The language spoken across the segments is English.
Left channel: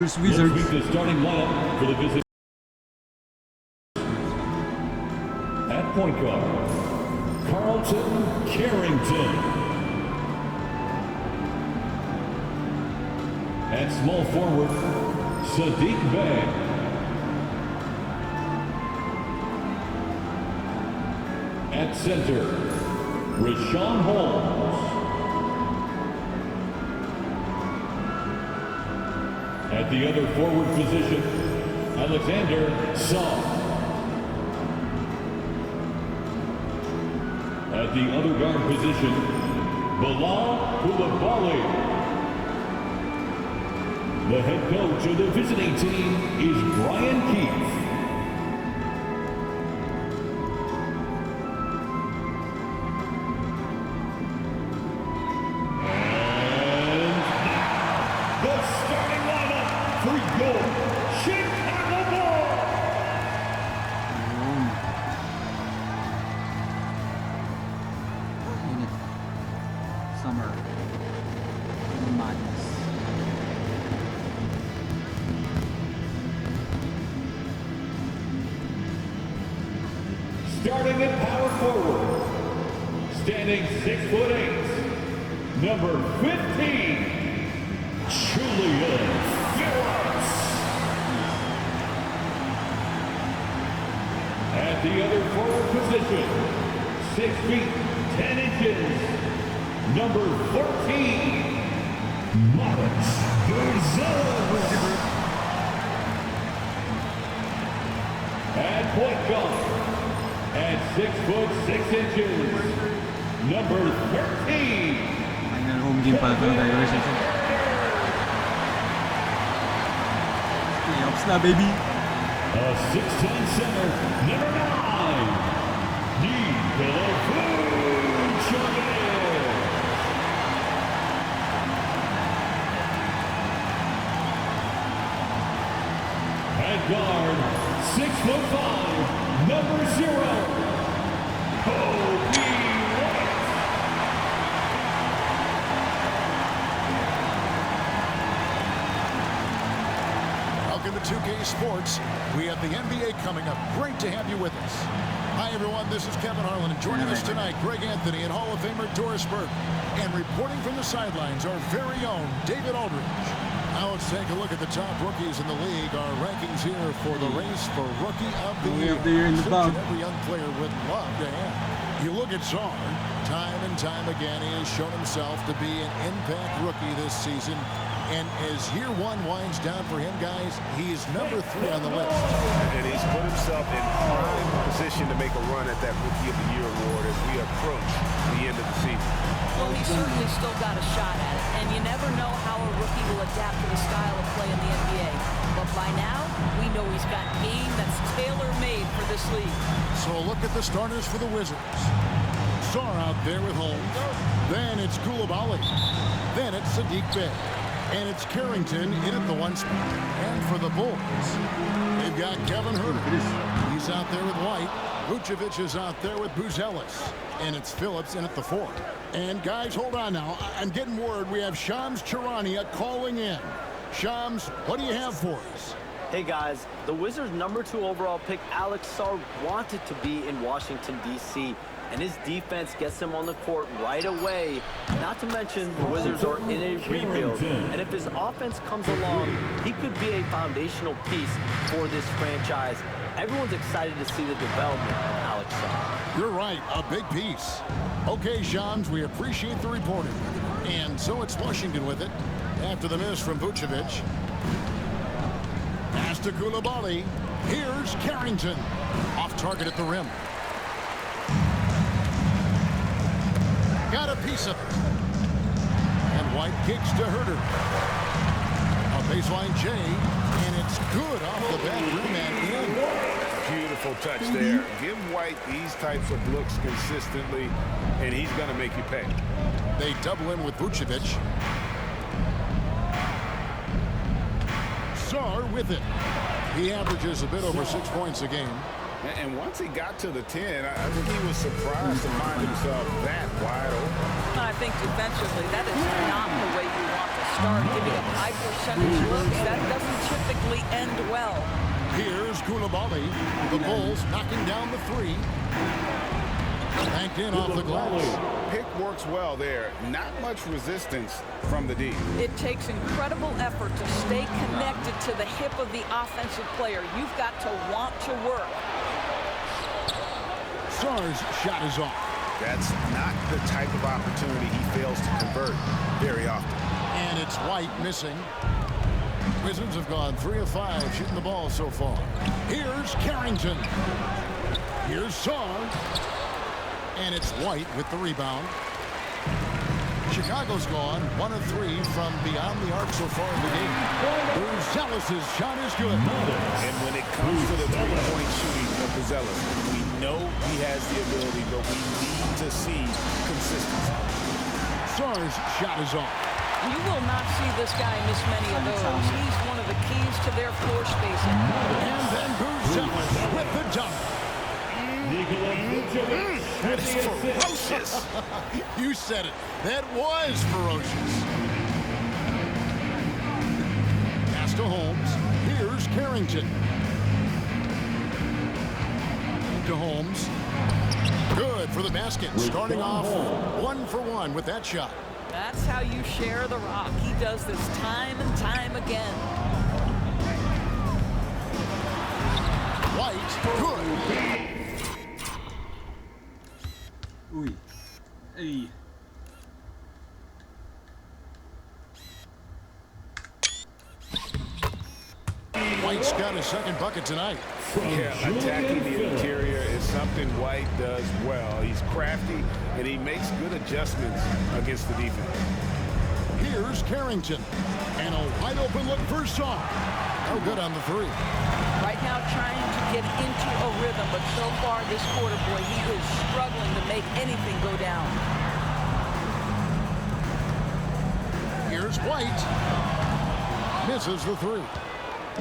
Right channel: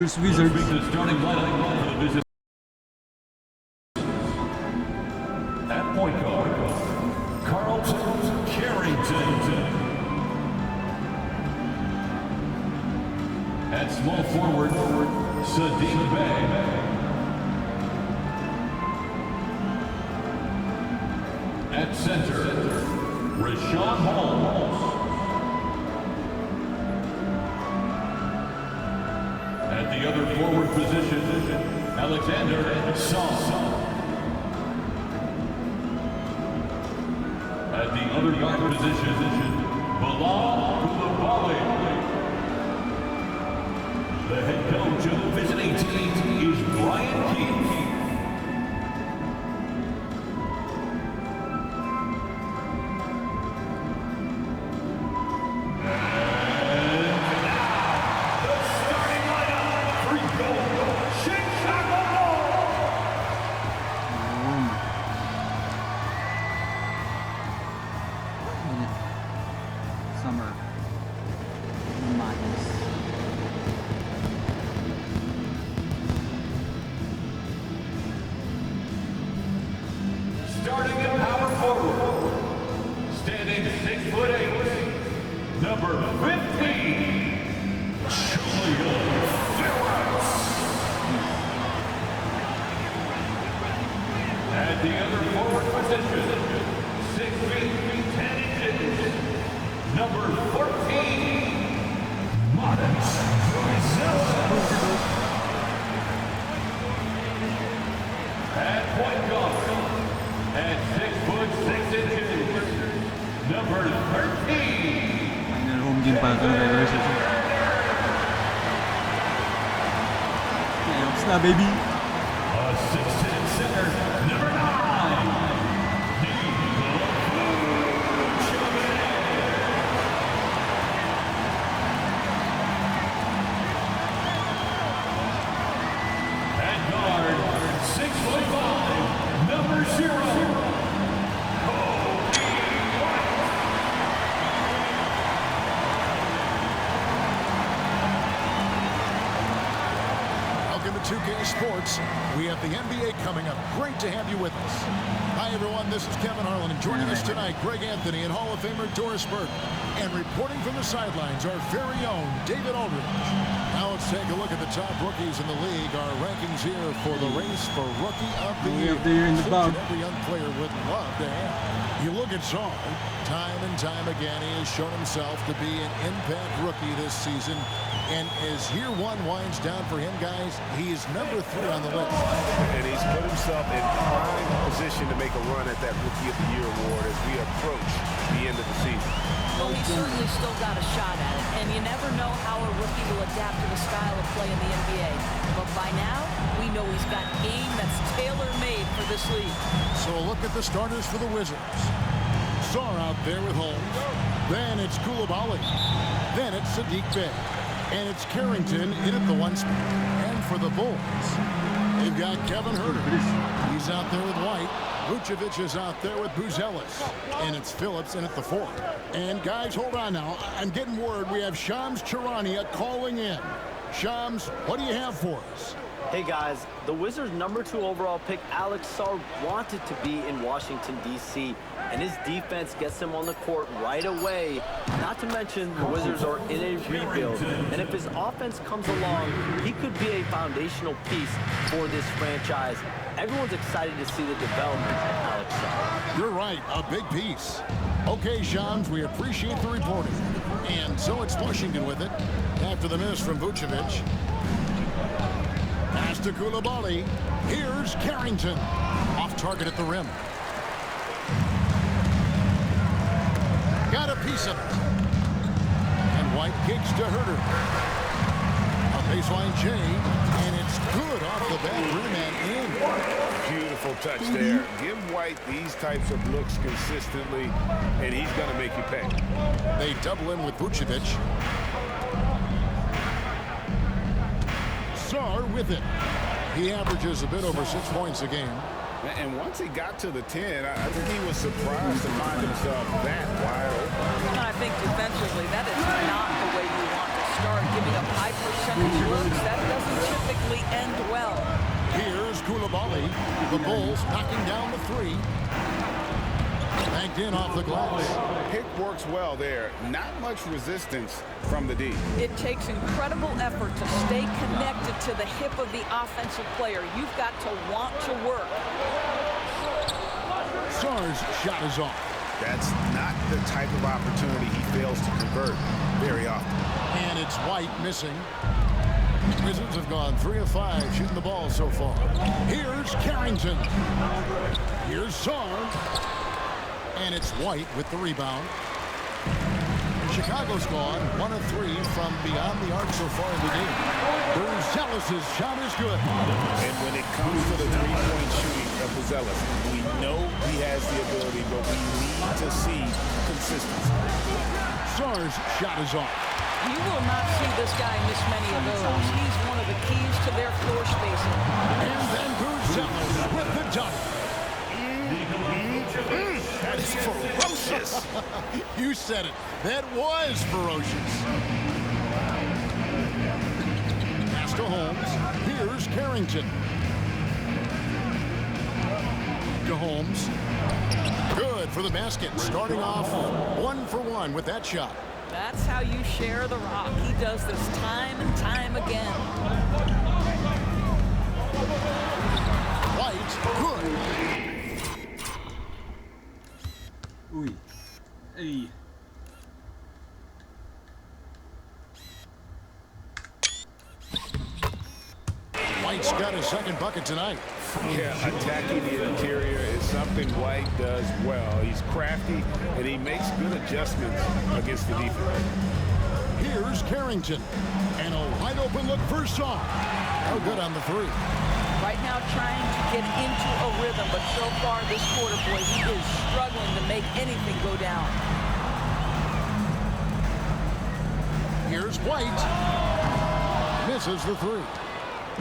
Wizards. The starting lineup for the visit. At point guard, Carlton Carrington. At small forward, Sadiq Bey. At center, Rashawn Holmes. At the other forward position, Alexander Song. At the other guard position, Bilal Coulibaly. The head coach of the visiting team is Brian Keith. Summer madness. Starting at power forward, standing 6'8", number 15, Julian Phillips. At the other forward position, 6 feet 10 inches. Number 14, Mirage. At point guard, at 6'6", number 13. Final home game pala ito ng regular season. Playoffs na, baby. A 6'10" center, number 9, Nicola. Guard, 6'5", number 0, Kobe White. Welcome to 2K Sports. We have the NBA coming up. Great to have you with us. Hi, everyone. This is Kevin Harlan, and joining us tonight, Greg Anthony and Hall of Famer Doris Burke. And reporting from the sidelines, our very own David Aldridge. Now let's take a look at the top rookies in the league. Our rankings here for the race for Rookie of the Year. In the bump. Every young player would love to have. You look at Czar, time and time again, he has shown himself to be an impact rookie this season. And as year one winds down for him, guys, he is number 3 on the list. And he's put himself in prime position to make a run at that Rookie of the Year award as we approach the end of the season. Well, he's certainly still got a shot at it, and you never know how a rookie will adapt to the style of play in the NBA. But by now, we know he's got game that's tailor-made for this league. So a look at the starters for the Wizards. Czar out there with Holmes. Then it's Coulibaly. Then it's Sadiq Bey. And it's Carrington in at the 1 spot. And for the Bulls, they've got Kevin Huerter. He's out there with White. Vucevic is out there with Buzelis. And it's Phillips in at the 4. And guys, hold on now. I'm getting word we have Shams Charania calling in. Shams, what do you have for us? Hey guys, the Wizards' number 2 overall pick, Alex Sarr, wanted to be in Washington, D.C., and his defense gets him on the court right away. Not to mention, the Wizards are in a rebuild, and if his offense comes along, he could be a foundational piece for this franchise. Everyone's excited to see the development of Alex Sarr. You're right, a big piece. Okay, Shams, we appreciate the reporting. And so it's Washington with it. After the miss from Vucevic. Pass to Coulibaly. Here's Carrington. Off target at the rim. Got a piece of it. And White kicks to Huerter. A baseline J, and it's good off the back rim and in. Beautiful touch there. Give White these types of looks consistently, and he's going to make you pay. They double him with Vucevic. Sarr with it. He averages a bit over 6 points a game. And once he got to the 10, I think he was surprised to find himself that wide open. I think defensively, that is not the way you want to start. Giving up high percentage looks, that doesn't typically end well. Here's Koulibaly. The Bulls knocking down the three. Banked in off the glass. Pick works well there. Not much resistance from the D. It takes incredible effort to stay connected to the hip of the offensive player. You've got to want to work. Sarr's shot is off. That's not the type of opportunity he fails to convert very often. And it's White missing. Wizards have gone 3 of 5 shooting the ball so far. Here's Carrington. Here's Sarr. And it's White with the rebound. Chicago's gone 1 of 3 from beyond the arc so far in the game. Buzelis' shot is good. And when it comes to the three-point shooting of Buzelis, we know he has the ability, but we need to see consistency. Sarr's shot is off. You will not see this guy miss many of those. He's one of the keys to their floor spacing. And then Buzelis with the dunk. That is ferocious. You said it. That was ferocious. Pass to Holmes. Here's Carrington. To Holmes. Good for the basket. Starting off 1 for 1 with that shot. That's how you share the rock. He does this time and time again. White, good. Ui. Hey. White's got his second bucket tonight. Yeah, attacking the interior is something White does well. He's crafty, and he makes good adjustments against the defense. Here's Carrington. And a wide open look for Sarr. No good on the three. Right now trying to get into a rhythm, but so far this quarter, boy, he is struggling to make anything go down. Here's White. Misses the three.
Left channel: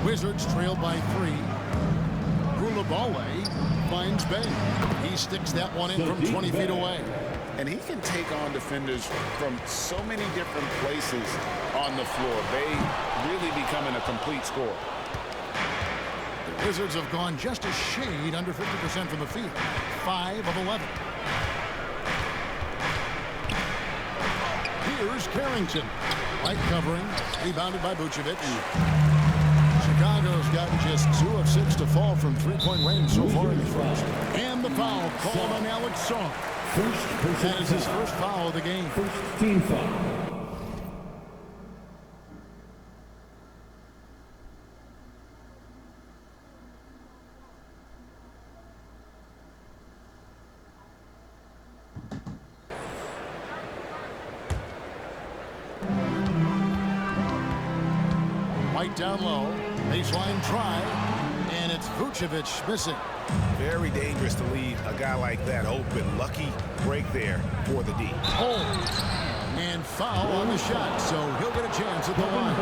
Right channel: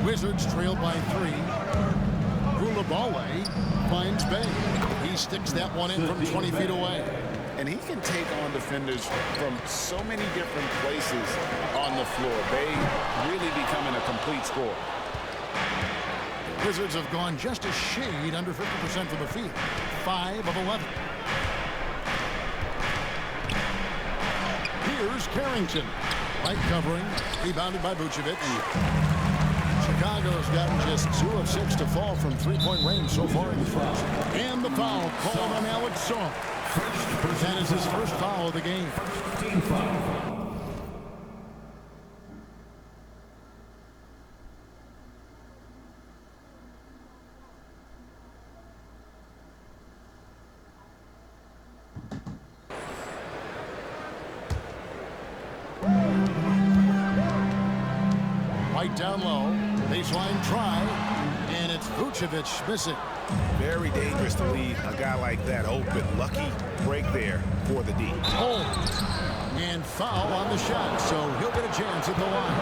Wizards trail by 3. Koulibaly finds Bay. He sticks that one in from 20 feet away. And he can take on defenders from so many different places on the floor. Bay really becoming a complete scorer. The Wizards have gone just a shade under 50% from the field. 5 of 11. Here's Carrington. White covering. Rebounded by Vucevic. Chicago's gotten just 2 of 6 to fall from three-point range so far in the first. And the foul called on Alex Sarr. That is his first foul of the game. First team foul. White down low. Baseline try. And it's Vucevic missing. Very dangerous to leave a guy like that open. Lucky break there for the D. Oh, and foul on the shot, so he'll get a chance at the line.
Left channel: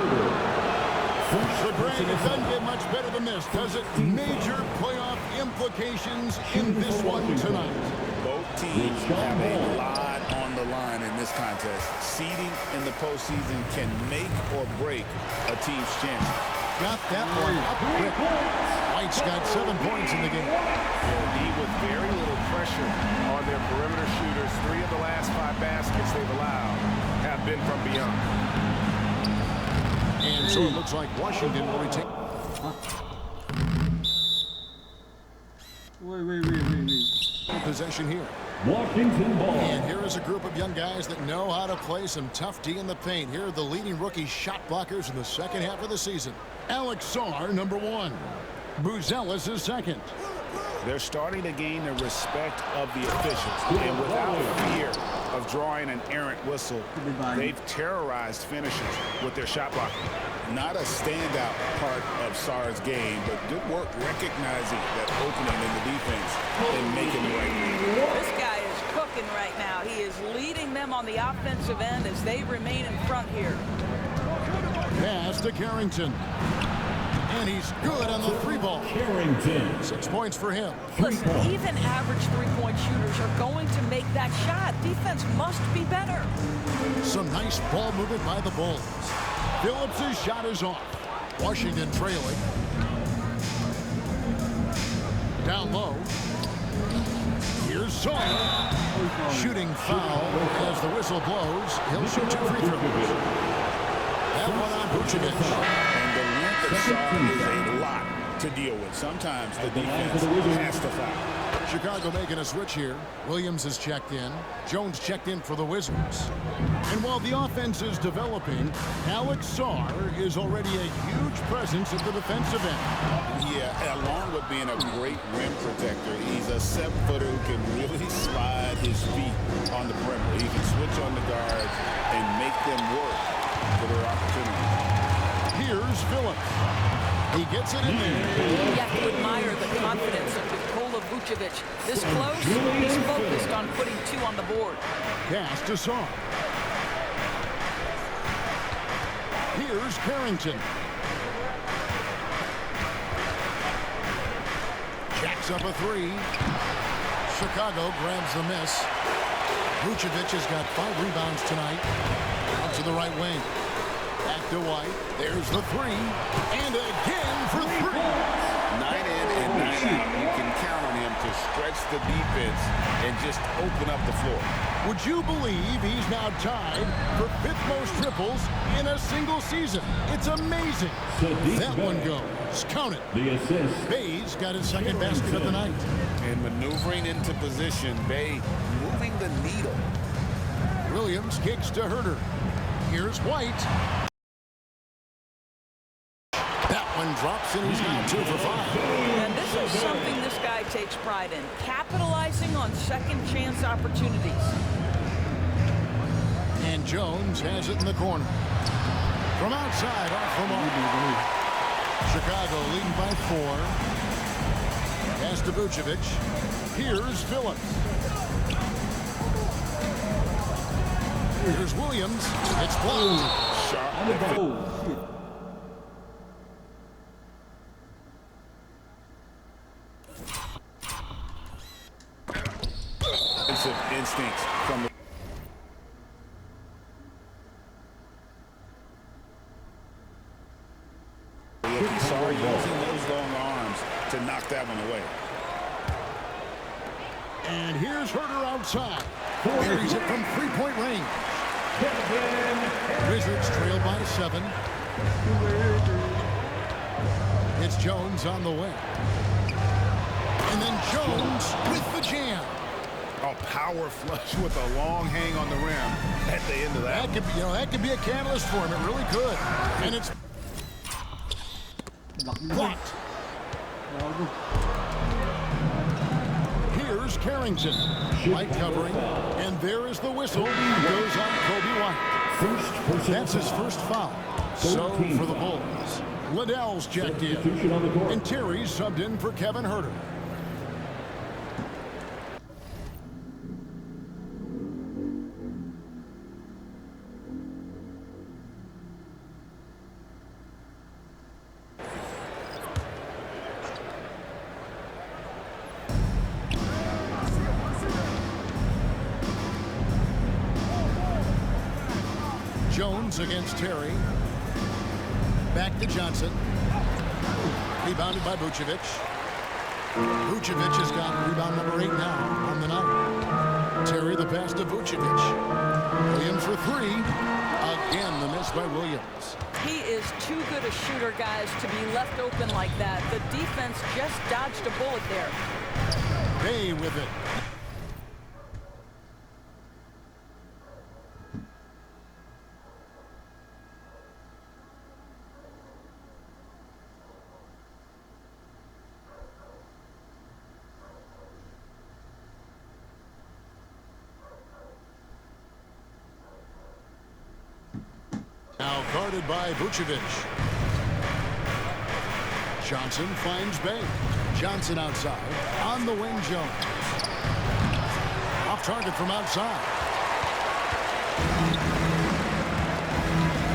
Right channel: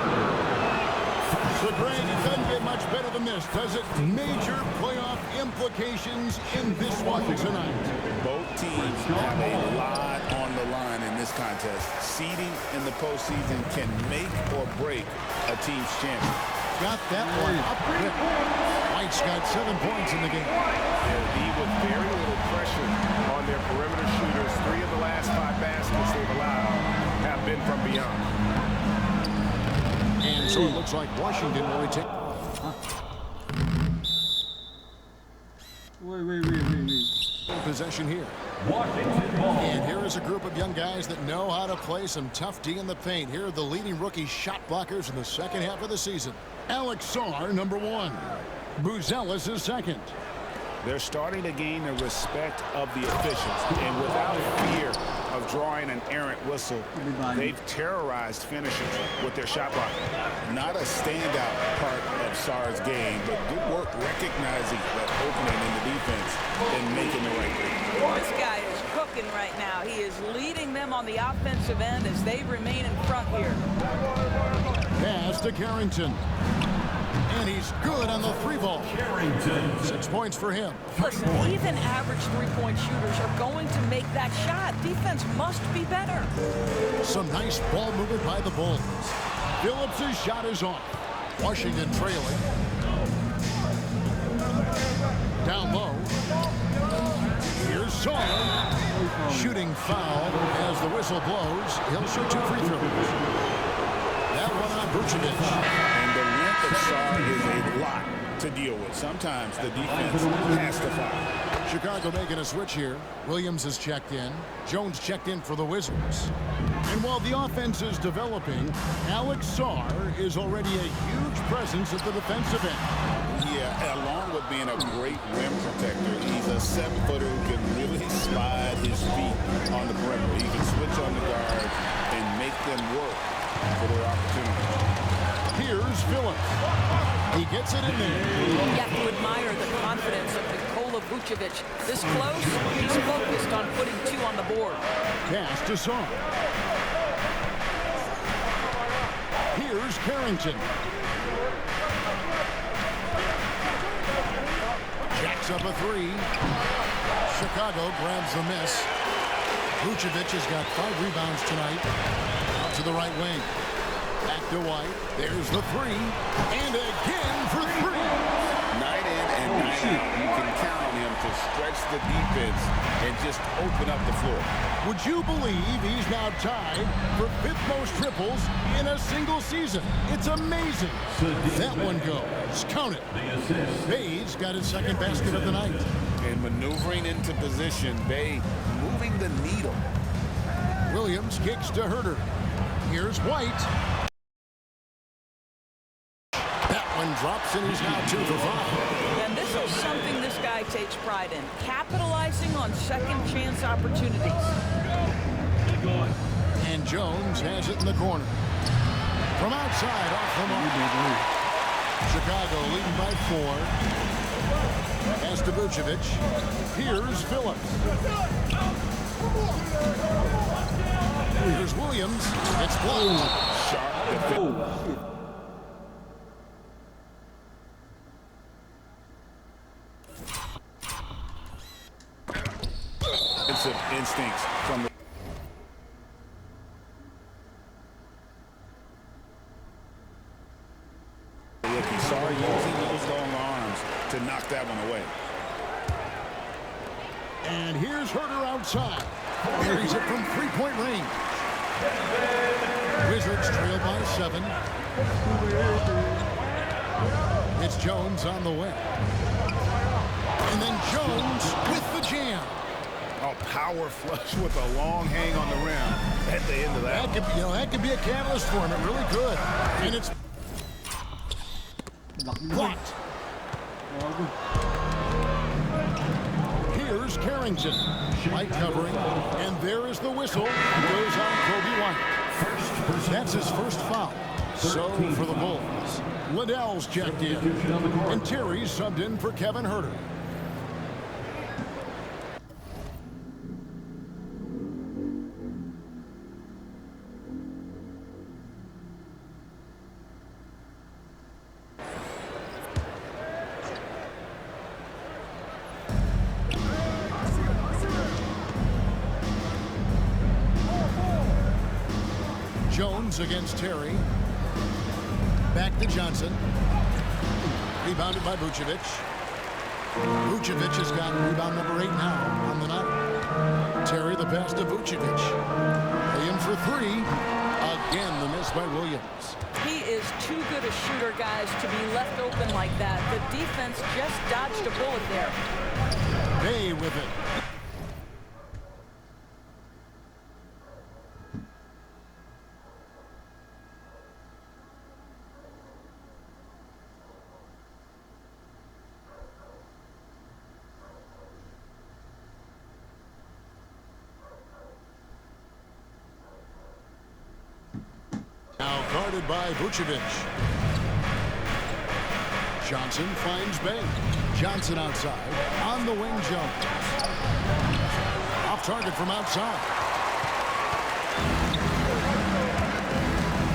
So, Greg, it doesn't get much better than this, does it? Major playoff implications in this one tonight. Both teams have a lot on the line in this contest. Seeding in the postseason can make or break a team's chances. Got that one up quick. White's got 7 points in the game. Yeah, the D with very little pressure on their perimeter shooters. 3 of the last 5 baskets they've allowed have been from beyond. And so it looks like Washington will retain. Wait. Possession here. Washington ball. And here is a group of young guys that know how to play some tough D in the paint. Here are the leading rookie shot blockers in the second half of the season. Alex Sarr, number 1. Buzelis is second. They're starting to gain the respect of the officials. And without fear of drawing an errant whistle, they've terrorized finishers with their shot blocking. Not a standout part of Sarr's game, but good work recognizing that opening in the defense and making the right read. This guy is cooking right now. He is leading them on the offensive end as they remain in front here. Pass to Carrington. And he's good on the three ball. Carrington. 6 points for him. Listen, even average three-point shooters are going to make that shot. Defense must be better. Some nice ball movement by the Bulls. Phillips' shot is off. Washington trailing. Down low. Here's Sawyer. Shooting foul as the whistle blows. He'll shoot 2 free throws. That one on Vucevic. And the length of Sarr is a lot to deal with. Sometimes the defense has to foul. Chicago making a switch here. Williams is checked in. Jones checked in for the Wizards. And while the offense is developing, Alex Sarr is already a huge presence at the defensive end. Yeah, along with being a great rim protector, he's a 7-footer who can really slide his feet on the perimeter. He can switch on the guards and make them work for their opportunities. Here's Phillips. He gets it in there. You have to admire the confidence of Nikola Vucevic. This close, he's focused on putting 2 on the board. Pass to Sarr. Here's Carrington. Jacks up a 3. Chicago grabs the miss. Vucevic has got 5 rebounds tonight. Out to the right wing. Back to White. There's the 3. And again for 3. Night in and night out, you can count on him to stretch the defense and just open up the floor. Would you believe he's now tied for 5th most triples in a single season? It's amazing. That one goes. Count it. The assist. Bay's got his 2nd basket of the night. And maneuvering into position, Bay moving the needle. Williams kicks to Herter. Here's White. That one drops, and he's now 2 for 5. And this is something this guy takes pride in, capitalizing on second chance opportunities. And Jones has it in the corner. From outside, off the mark. Chicago leading by 4. Pass to Vucevic. Here's Phillips. Here's Williams. It's blocked. Sharp defense. Oh, shit. Defensive instincts from the rookie. Sarr using those long arms to knock that one away. And here's Herter outside. Buries it from 3-point range. Wizards trail by 7. It's Jones on the way. And then Jones with the jam. A power flush with a long hang on the rim at the end of that. That could be a catalyst for him. It really could. And it's blocked. Here's Carrington. White covering. And there is the whistle. It goes on Kobe White. That's his first foul. So for the Bulls. Liddell's checked in. And Terry's subbed in for Kevin Herter. Jones against Terry. Back to Johnson. Rebounded by Vucevic. Vucevic has got rebound number 8 now on the night. Terry the pass to Vucevic. Williams for 3. Again, the miss by Williams. He is too good a shooter, guys, to be left open like that. The defense just dodged a bullet there. Bay with it. Now guarded by Vucevic. Johnson finds Bay. Johnson outside. On the wing, Jones. Off target from outside.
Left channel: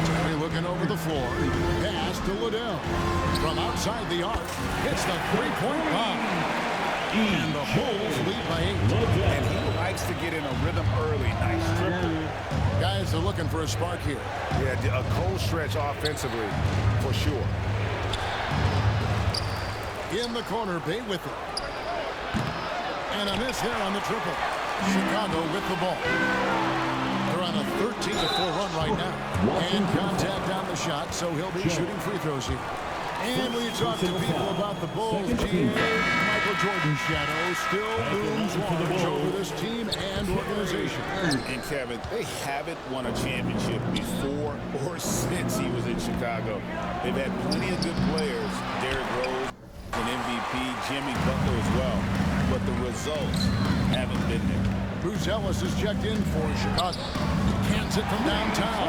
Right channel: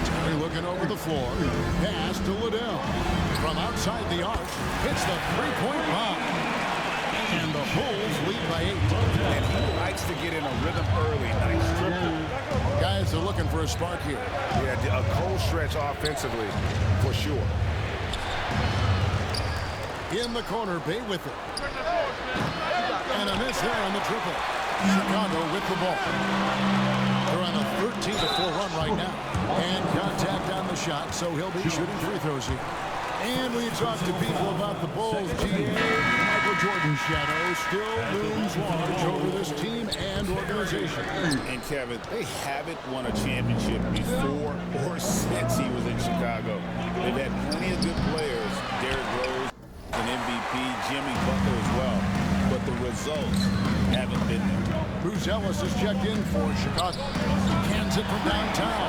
Terry looking over the floor. Pass to Liddell. From outside the arc, hits the three-point bomb. And the Bulls lead by 8. And he likes to get in a rhythm early. Nice triple. Guys are looking for a spark here. Yeah, a cold stretch offensively, for sure. In the corner, Bay with it. And a miss there on the triple. Chicago with the ball. They're on a 13-4 run right now. And contact on the shot, so he'll be shooting free throws here. And when you talk to people about the Bulls, Michael Jordan's shadow still looms large over this team and organization. And Kevin, they haven't won a championship before or since he was in Chicago. They've had plenty of good players. Derrick Rose, an MVP, Jimmy Butler as well. But the results haven't been there. Bruce Ellis is checked in for Chicago. Cans it from downtown.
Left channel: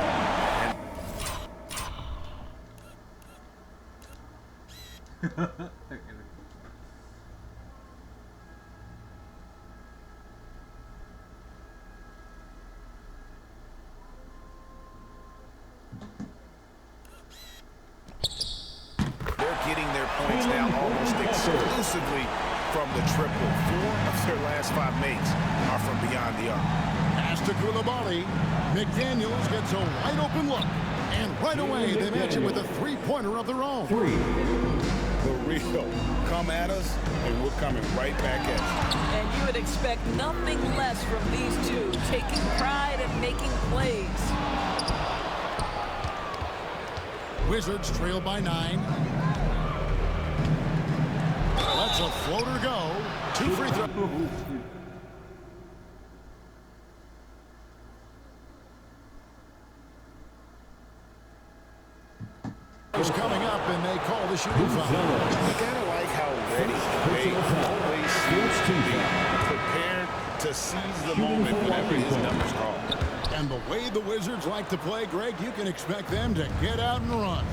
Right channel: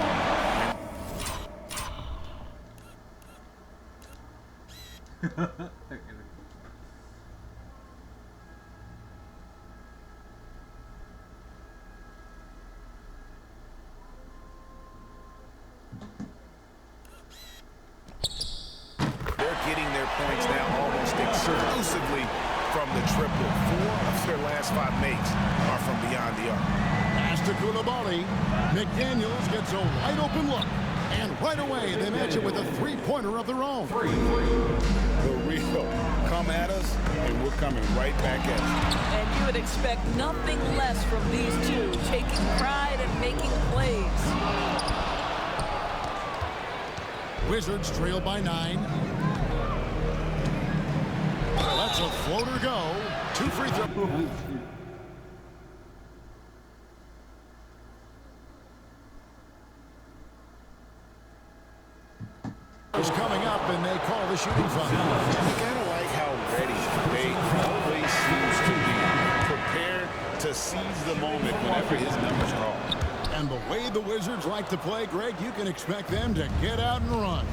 They're getting their points now almost exclusively from the triple. 4 of their last 5 makes are from beyond the arc. Pass to Coulibaly. McDaniels gets a wide open look. And right away, they match it with a three-pointer of their own. The real come at us, and we're coming right back at you. And you would expect nothing less from these two, taking pride and making plays. Wizards trail by 9. Lets a floater go. 2 free throws. Coming up, and they call the shooting foul. You gotta like how ready they always seems to be, prepared to seize the moment whenever his number's called. And the way the Wizards like to play, Greg, you can expect them to get out and run.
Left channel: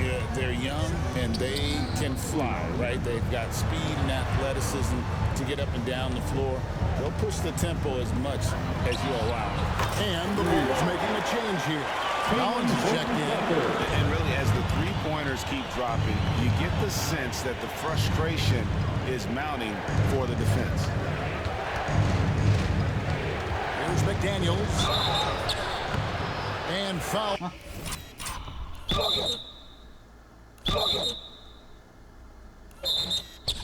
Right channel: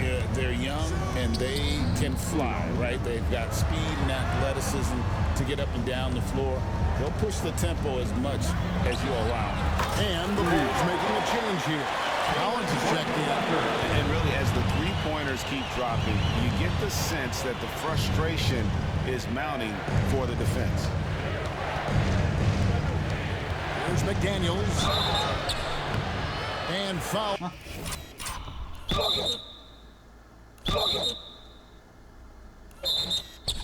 Yeah, they're young and they can fly, right? They've got speed and athleticism to get up and down the floor. They'll push the tempo as much as you allow. And the Bulls making a change here. Collins is checked in. And really, as the three-pointers keep dropping, you get the sense that the frustration is mounting for the defense. Here's McDaniels. And foul.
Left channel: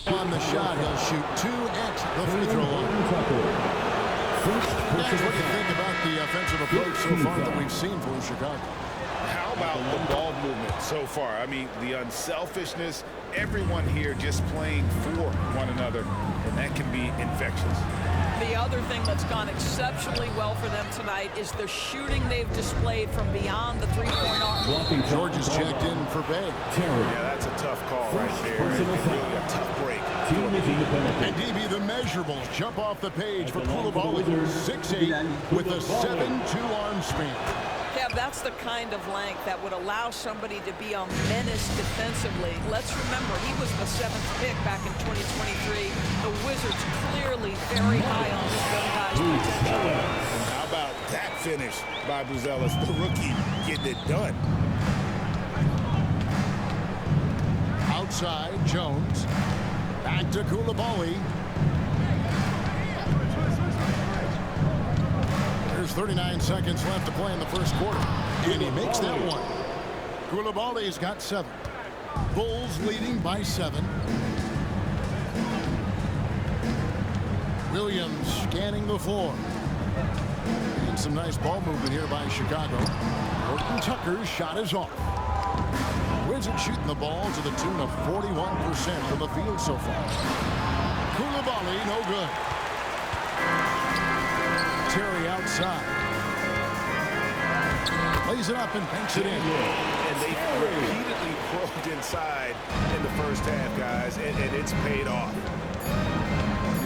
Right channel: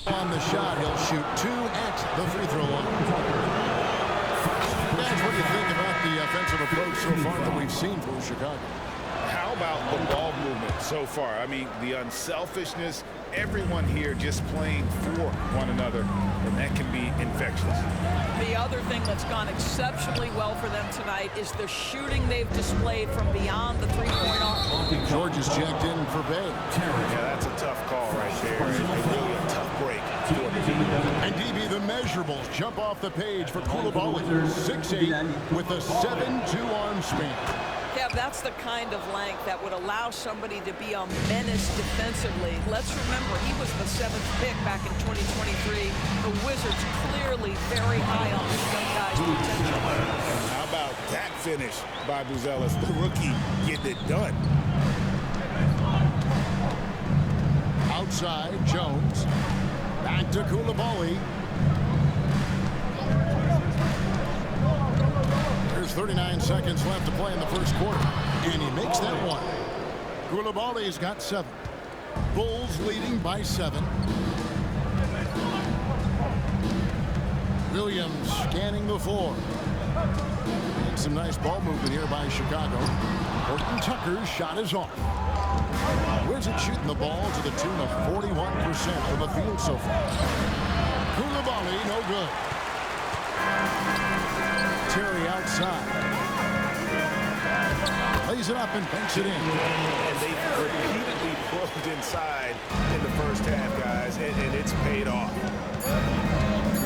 On the shot, he'll shoot 2 at the free throw line. Guys, what do you think about the offensive approach so far that we've seen for Chicago? How about the ball movement so far? I mean, the unselfishness, everyone here just playing for one another, and that can be infectious. The other thing that's gone exceptionally well for them tonight is the shooting they've displayed from beyond the three-point arc. George is checked in for Bay. Yeah, that's a tough call right there, and really a tough break for the team. And DB, the measurables jump off the page for Coulibaly. 6'8" with a 7'2" arm span. Kev, that's the kind of length that would allow somebody to be a menace defensively. Let's remember, he was the 7th pick back in 2023. The Wizards clearly very high on this young guy's potential. And how about that finish by Buzelis, the rookie, getting it done. Outside, Jones. Back to Coulibaly. There's 39 seconds left to play in the first quarter. And he makes that one. Coulibaly's got 7. Bulls leading by 7. Williams scanning the floor. And some nice ball movement here by Chicago. Horton Tucker's shot is off. Wizards shooting the ball to the tune of 41% from the field so far. Coulibaly, no good. Terry outside. Lays it up and banks it in. And they've repeatedly probed inside in the first half, guys, and it's paid off.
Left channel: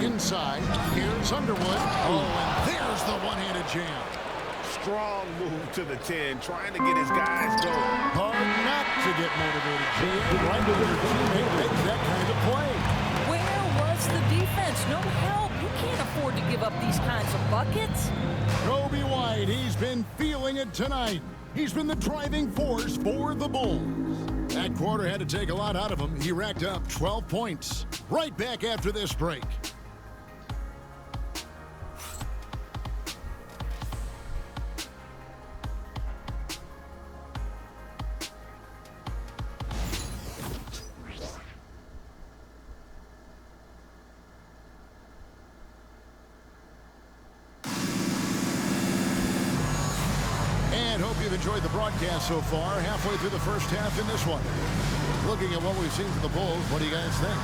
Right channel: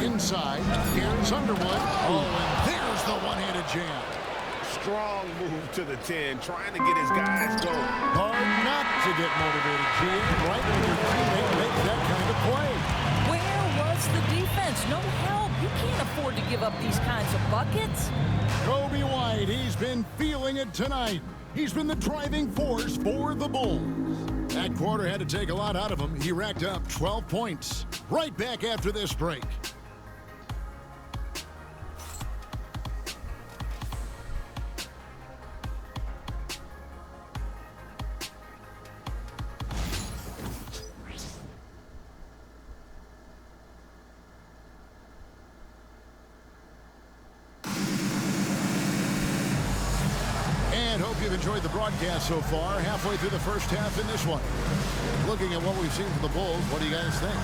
Inside, here's Underwood. Oh, and there's the one-handed jam. Strong move to the 10, trying to get his guys going. Hard not to get motivated, GA, right when your teammate makes that kind of play. Where was the defense? No help. You can't afford to give up these kinds of buckets. Kobe White, he's been feeling it tonight. He's been the driving force for the Bulls. That quarter had to take a lot out of him. He racked up 12 points. Right back after this break. And hope you've enjoyed the broadcast so far. Halfway through the first half in this one. Looking at what we've seen from the Bulls, what do you guys think?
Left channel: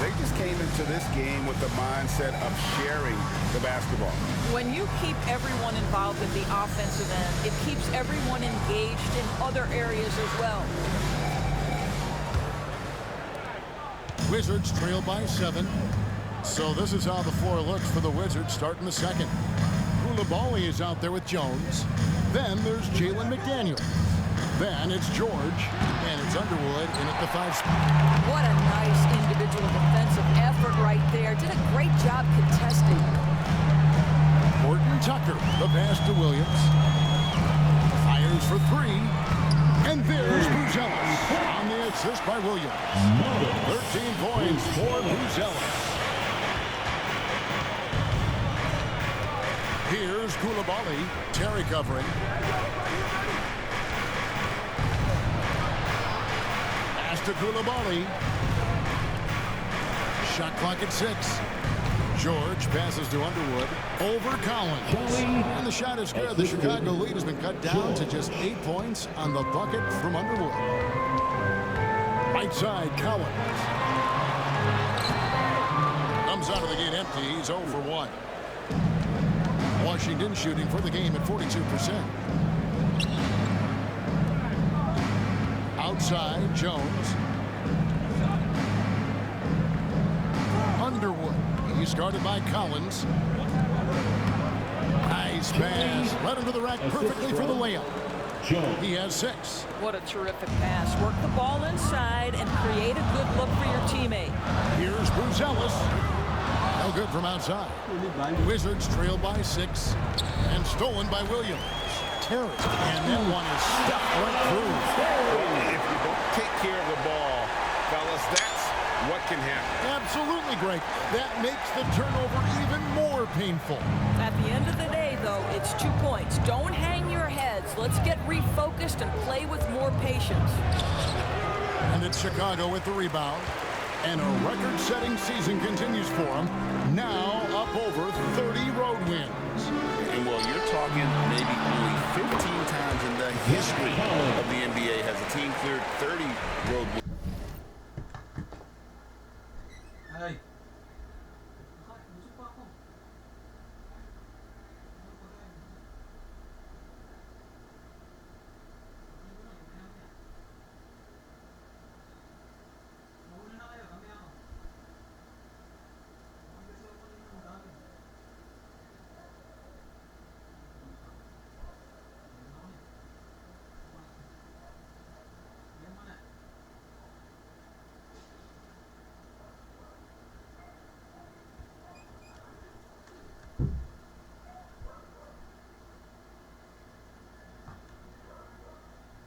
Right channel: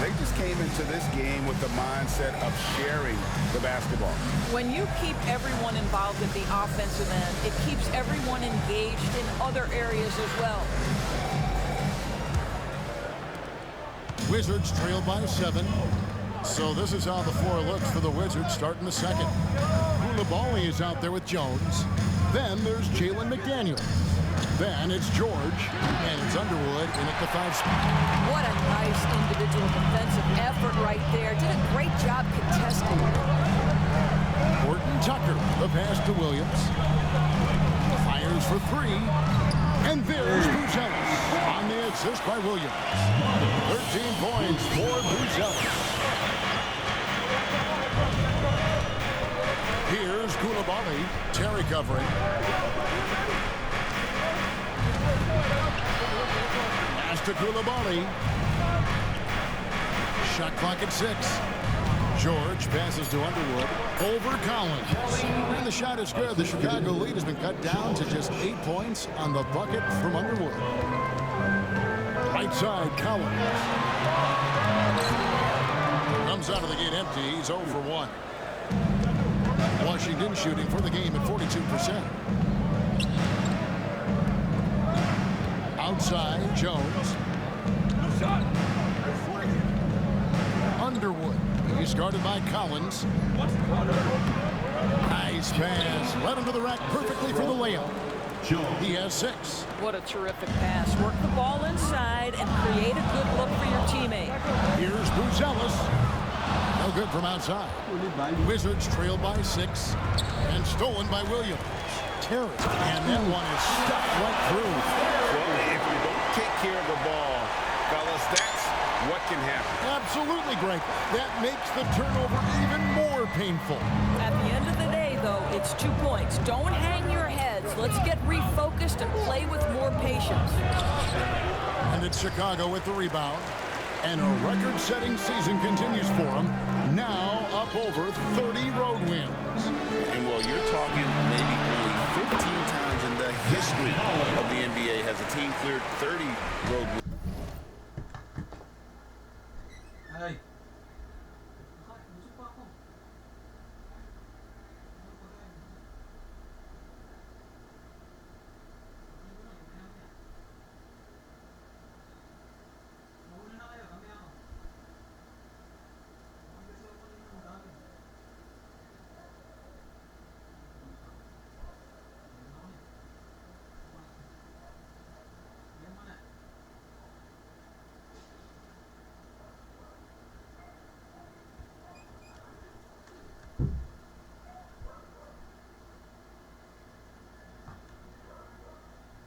They just came into this game with the mindset of sharing the basketball. When you keep everyone involved at the offensive end, it keeps everyone engaged in other areas as well. Wizards trail by 7. So this is how the floor looks for the Wizards starting the second. Koulibaly is out there with Jones. Then there's Jalen McDaniels. Then it's George, and it's Underwood in at the 5 spot. What a nice individual defensive effort right there. Did a great job contesting. Horton Tucker, the pass to Williams. Fires for 3. And there's Buzelis on the assist by Williams. 13 points for Buzelis. Here's Koulibaly. Terry covering. Pass to Koulibaly. Shot clock at 6. George passes to Underwood. Over Collins. And the shot is good. The Chicago lead has been cut down to just 8 points on the bucket from Underwood. Right side, Collins. Comes out of the gate empty. He's 0 for 1. Washington shooting for the game at 42%. Outside, Jones. Underwood. He's guarded by Collins. Nice pass. Led him to the rack perfectly for the layup. He has 6. What a terrific pass. Work the ball inside and create a good look for your teammate. Here's Buzelis. No good from outside. Wizards trail by 6 and stolen by Williams. Terry, and that one is stuffed right through. Well, if you don't take care of the ball, fellas, that's what can happen. Absolutely, Greg. That makes the turnover even more painful. At the end of the day, though, it's 2 points. Don't hang your heads. Let's get refocused and play with more patience. And it's Chicago with the rebound. And a record-setting season continues for them. Now up over 30 road wins. And well, you're talking maybe only 15 times in the history of the NBA has a team cleared 30 road wins. Hey.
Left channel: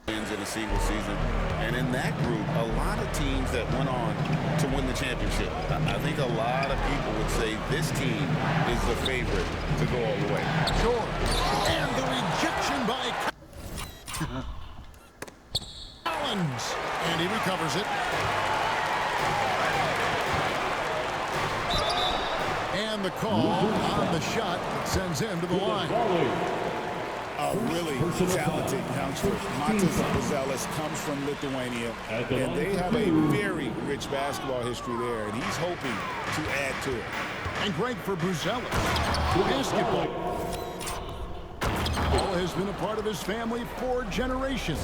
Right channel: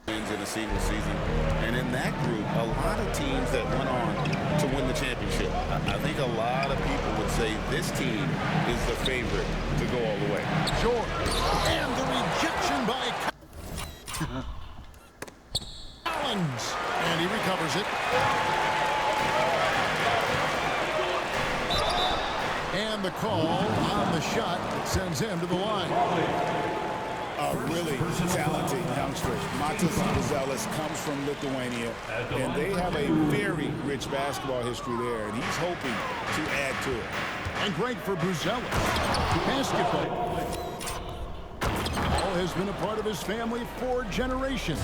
Wins in a single season, and in that group a lot of teams that went on to win the championship. I think a lot of people would say this team is the favorite to go all the way. Sure. And the rejection by Collins, and he recovers it. And the call on the shot that sends him to the line. A really talented youngster. Matas Buzelis comes from Lithuania, and they have a very rich basketball history there, and he's hoping to add to it. And great for Buzelis. Basketball. Ball has been a part of his family for generations.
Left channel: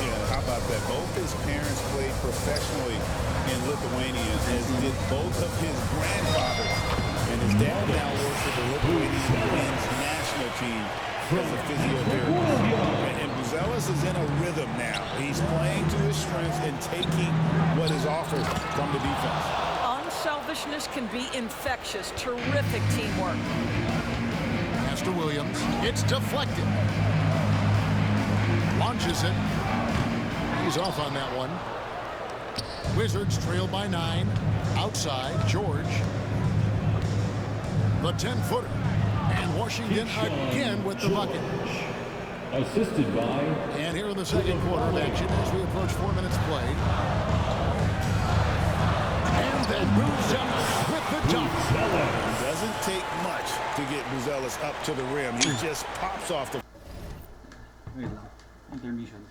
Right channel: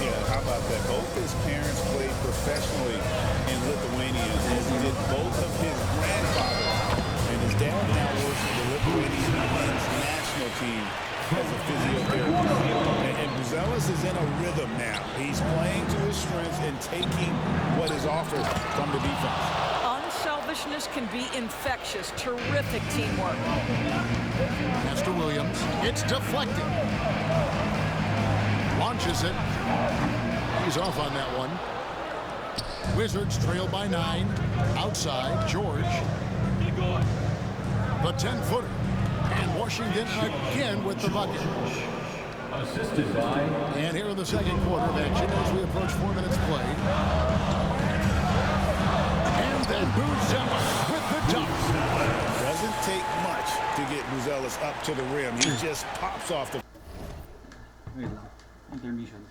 Yeah, how about that? Both his parents played professionally in Lithuania, as did both of his grandfathers. And his dad now works for the Lithuanian men's national team as a physiotherapist. And Buzelis is in a rhythm now. He's playing to his strengths and taking what is offered from the defense. Unselfishness can be infectious. Terrific teamwork. Pass to Williams. It's deflected. Launches it. He's off on that one. Wizards trail by 9. Outside, George. The 10-footer. And Washington again with the bucket. Assisted by... And here in the second quarter of action as we approach 4 minutes played. And then Buzelis with the dunk. Doesn't take much to get Buzelis up to the rim. He just pops off the... Wait lang. Intermission.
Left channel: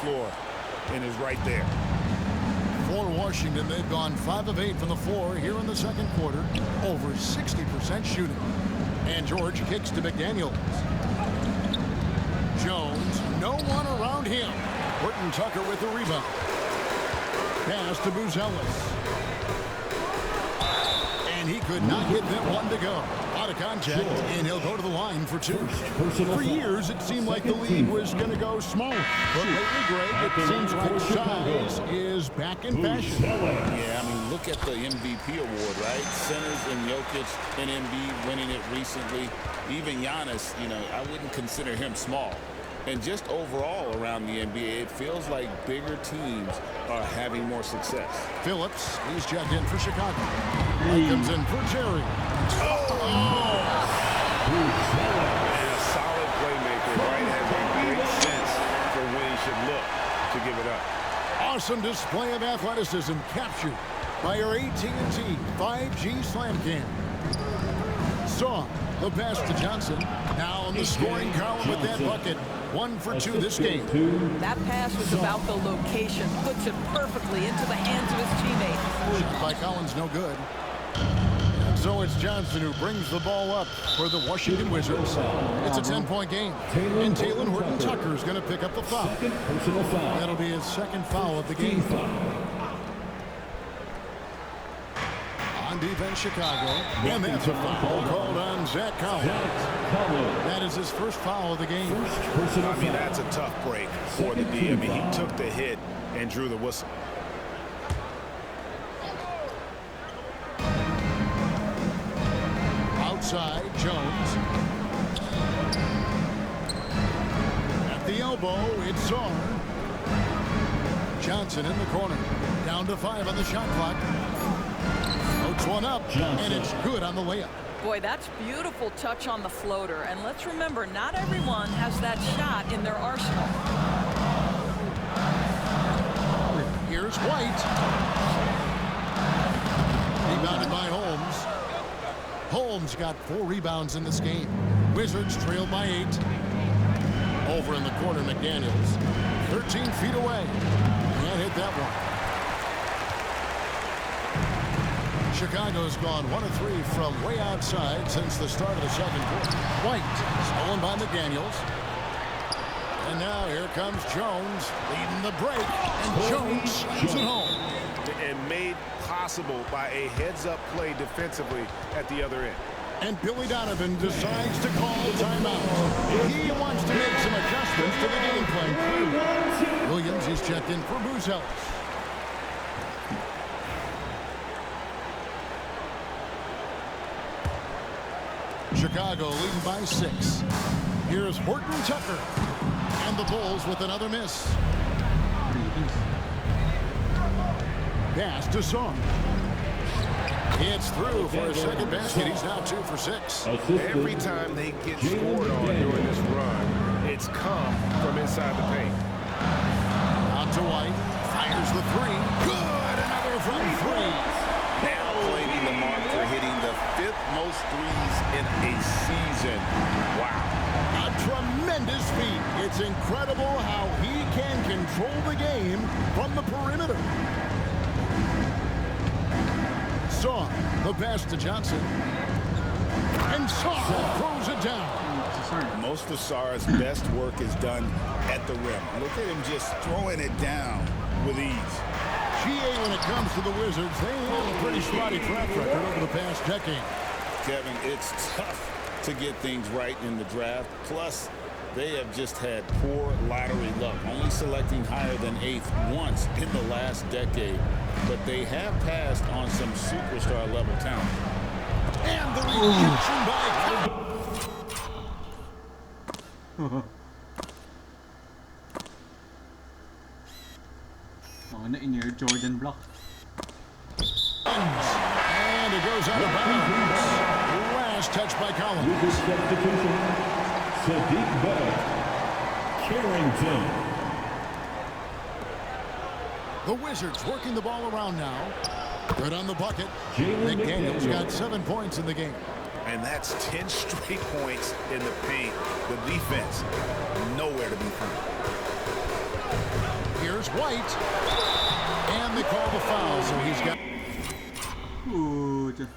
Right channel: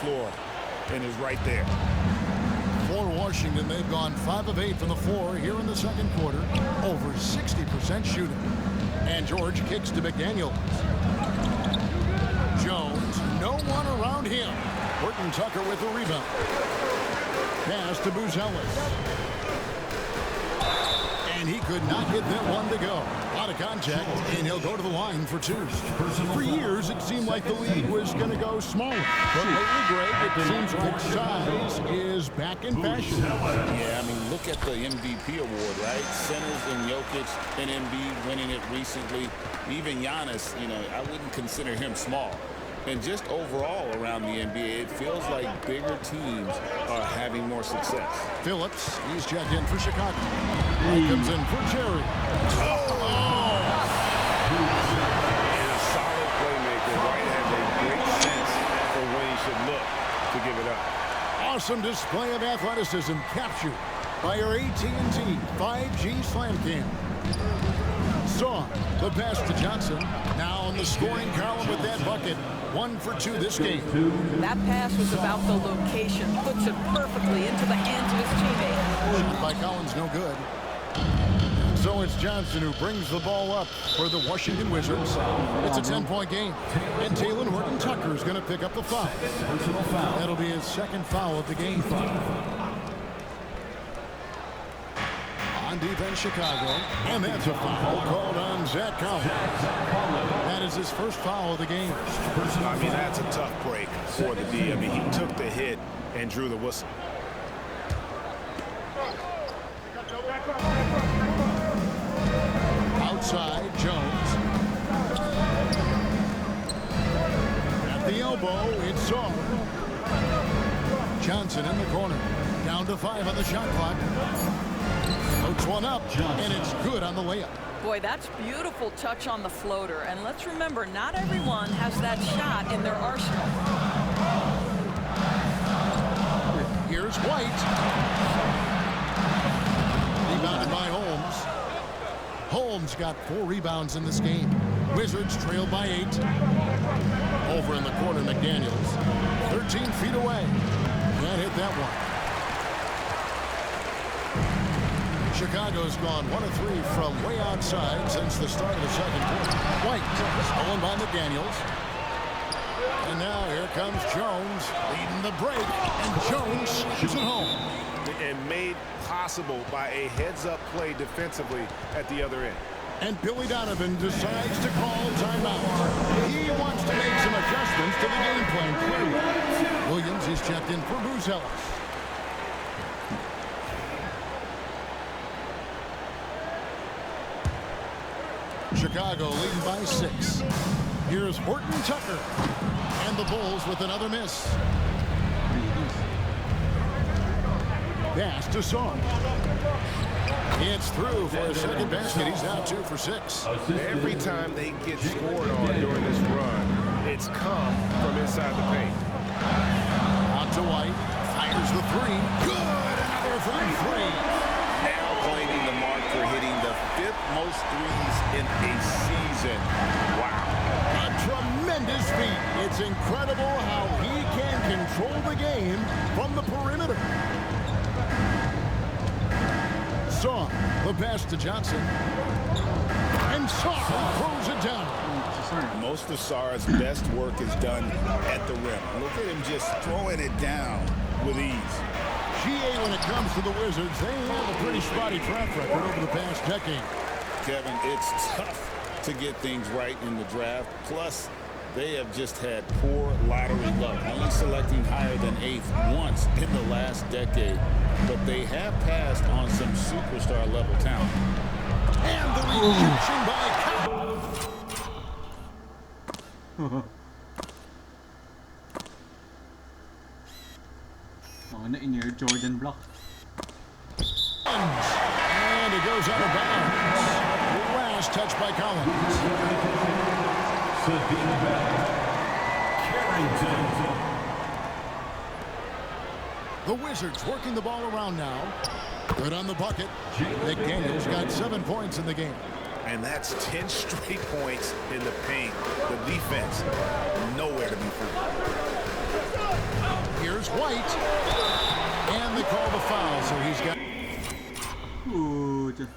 floor and is right there. For Washington, they've gone 5 of 8 from the floor here in the second quarter. Over 60% shooting. And George kicks to McDaniels. Jones, no one around him. Horton Tucker with the rebound. Pass to Buzelis. And he could not get that one to go. Out of contact, and he'll go to the line for 2. For years, it seemed like the league was going to go smaller. But lately, Greg, it seems like size is back in fashion. Yeah, I mean, look at the MVP award, right? Centers and Jokic and Embiid winning it recently. Even Giannis, you know, I wouldn't consider him small. And just overall around the NBA, it feels like bigger teams are having more success. Phillips, he's checked in for Chicago. He comes in for Terry. And a solid playmaker, right, has a great sense for when he should look to give it up. Awesome display of athleticism captured by our AT&T 5G Slam Cam. Saw the pass to Johnson. Now on the scoring column with that bucket. 1 for 2 this game. That pass was about the location. Puts it perfectly into the hands of his teammate. Shot by Collins, no good. And so it's Johnson who brings the ball up for the Washington Wizards. It's a 10-point game. And Talen Horton Tucker is going to pick up the foul. That'll be his second foul of the game. On defense, Chicago. And that's a foul called on Zach Collins. That is his first foul of the game. I mean, that's a tough break for the D. I mean, he took the hit and drew the whistle. Outside, Jones. At the elbow, it's Czar. Johnson in the corner. Down to 5 on the shot clock. Floats one up, and it's good on the layup. Boy, that's beautiful touch on the floater. And let's remember, not everyone has that shot in their arsenal. Here's White. Rebounded by Holmes. Holmes got 4 rebounds in this game. Wizards trail by 8. Over in the corner, McDaniels. 13 feet away. Can't hit that one. Chicago's gone 1 of 3 from way outside since the start of the second quarter. White, stolen by McDaniels. And now here comes Jones leading the break. And Jones shoots it home. And made possible by a heads-up play defensively at the other end. And Billy Donovan decides to call timeout. He wants to make some adjustments to the game plan, clearly. Williams, he's checked in for Buzelis. Chicago leading by 6. Here's Horton Tucker. And the Bulls with another miss. Pass to Song. It's through for a second basket. He's now 2 for 6. Every time they get scored on during this run, it's come from inside the paint. Out to White. Fires the 3. Good. Another from 3. Now claiming the mark for hitting the 5th most threes in a season. Wow. A tremendous feat. It's incredible how he can control the game from the perimeter. Saw the pass to Johnson. And Saw throws it down. Most of Sarr's best work is done at the rim. Look at him just throwing it down with ease. GA, when it comes to the Wizards, they have a pretty spotty track record over the past decade. Kevin, it's tough to get things right in the draft. Plus, they have just had poor lottery luck, only selecting higher than 8th once in the last decade. But they have passed on some superstar-level talent. And the rejection by Cowell. In your Jordan block. And it goes out of bounds. Last touch by Collins. Sadiq Bey. Carrington. The Wizards working the ball around now. Good on the bucket. McDaniels got 7 points in the game. And that's 10 straight points in the paint. The defense, nowhere to be found. Here's White. And they call the foul, so he's got... Ooh, just...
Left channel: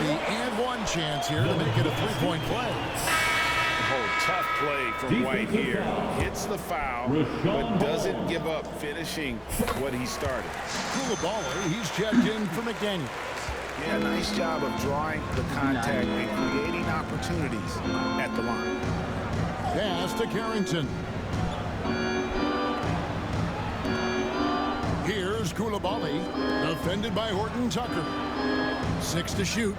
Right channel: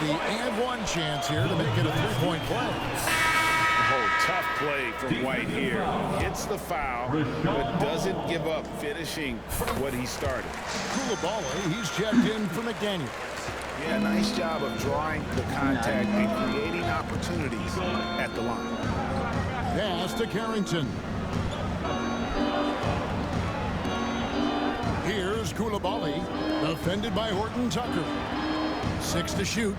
the and one chance here to make it a three-point play. Oh, tough play from White here. Hits the foul, but doesn't give up finishing what he started. Koulibaly, he's checked in for McDaniel. Yeah, nice job of drawing the contact and creating opportunities at the line. Pass to Carrington. Here's Koulibaly, defended by Horton Tucker. 6 to shoot.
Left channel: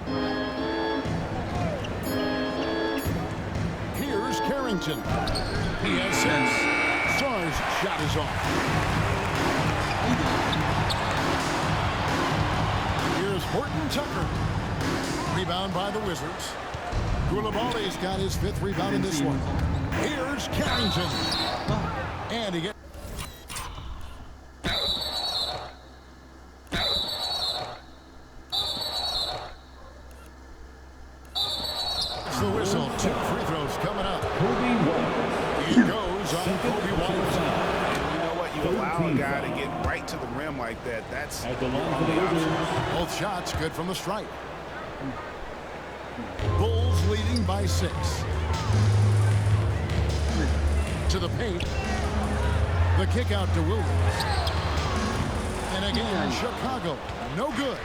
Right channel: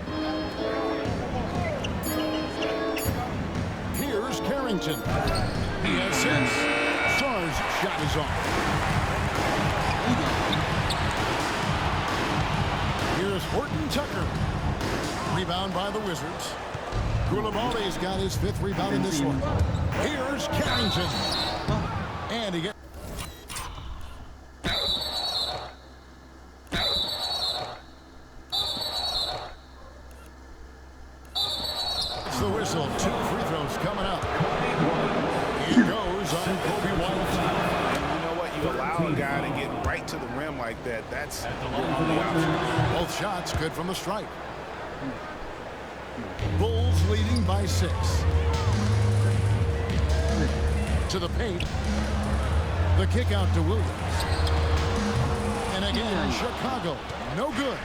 Here's Carrington. He has 6. Sarr's shot is off. Here's Horton Tucker. Rebound by the Wizards. Koulibaly's got his 5th rebound in this one. Here's Carrington. And he gets... the whistle. 2 free throws coming up. He goes on Kobe White. And you know what? You allow a guy to get right to the rim like that. That's your only option. Both shots good from the stripe. Bulls leading by 6. To the paint. The kick out to Williams. And again, Chicago. No good.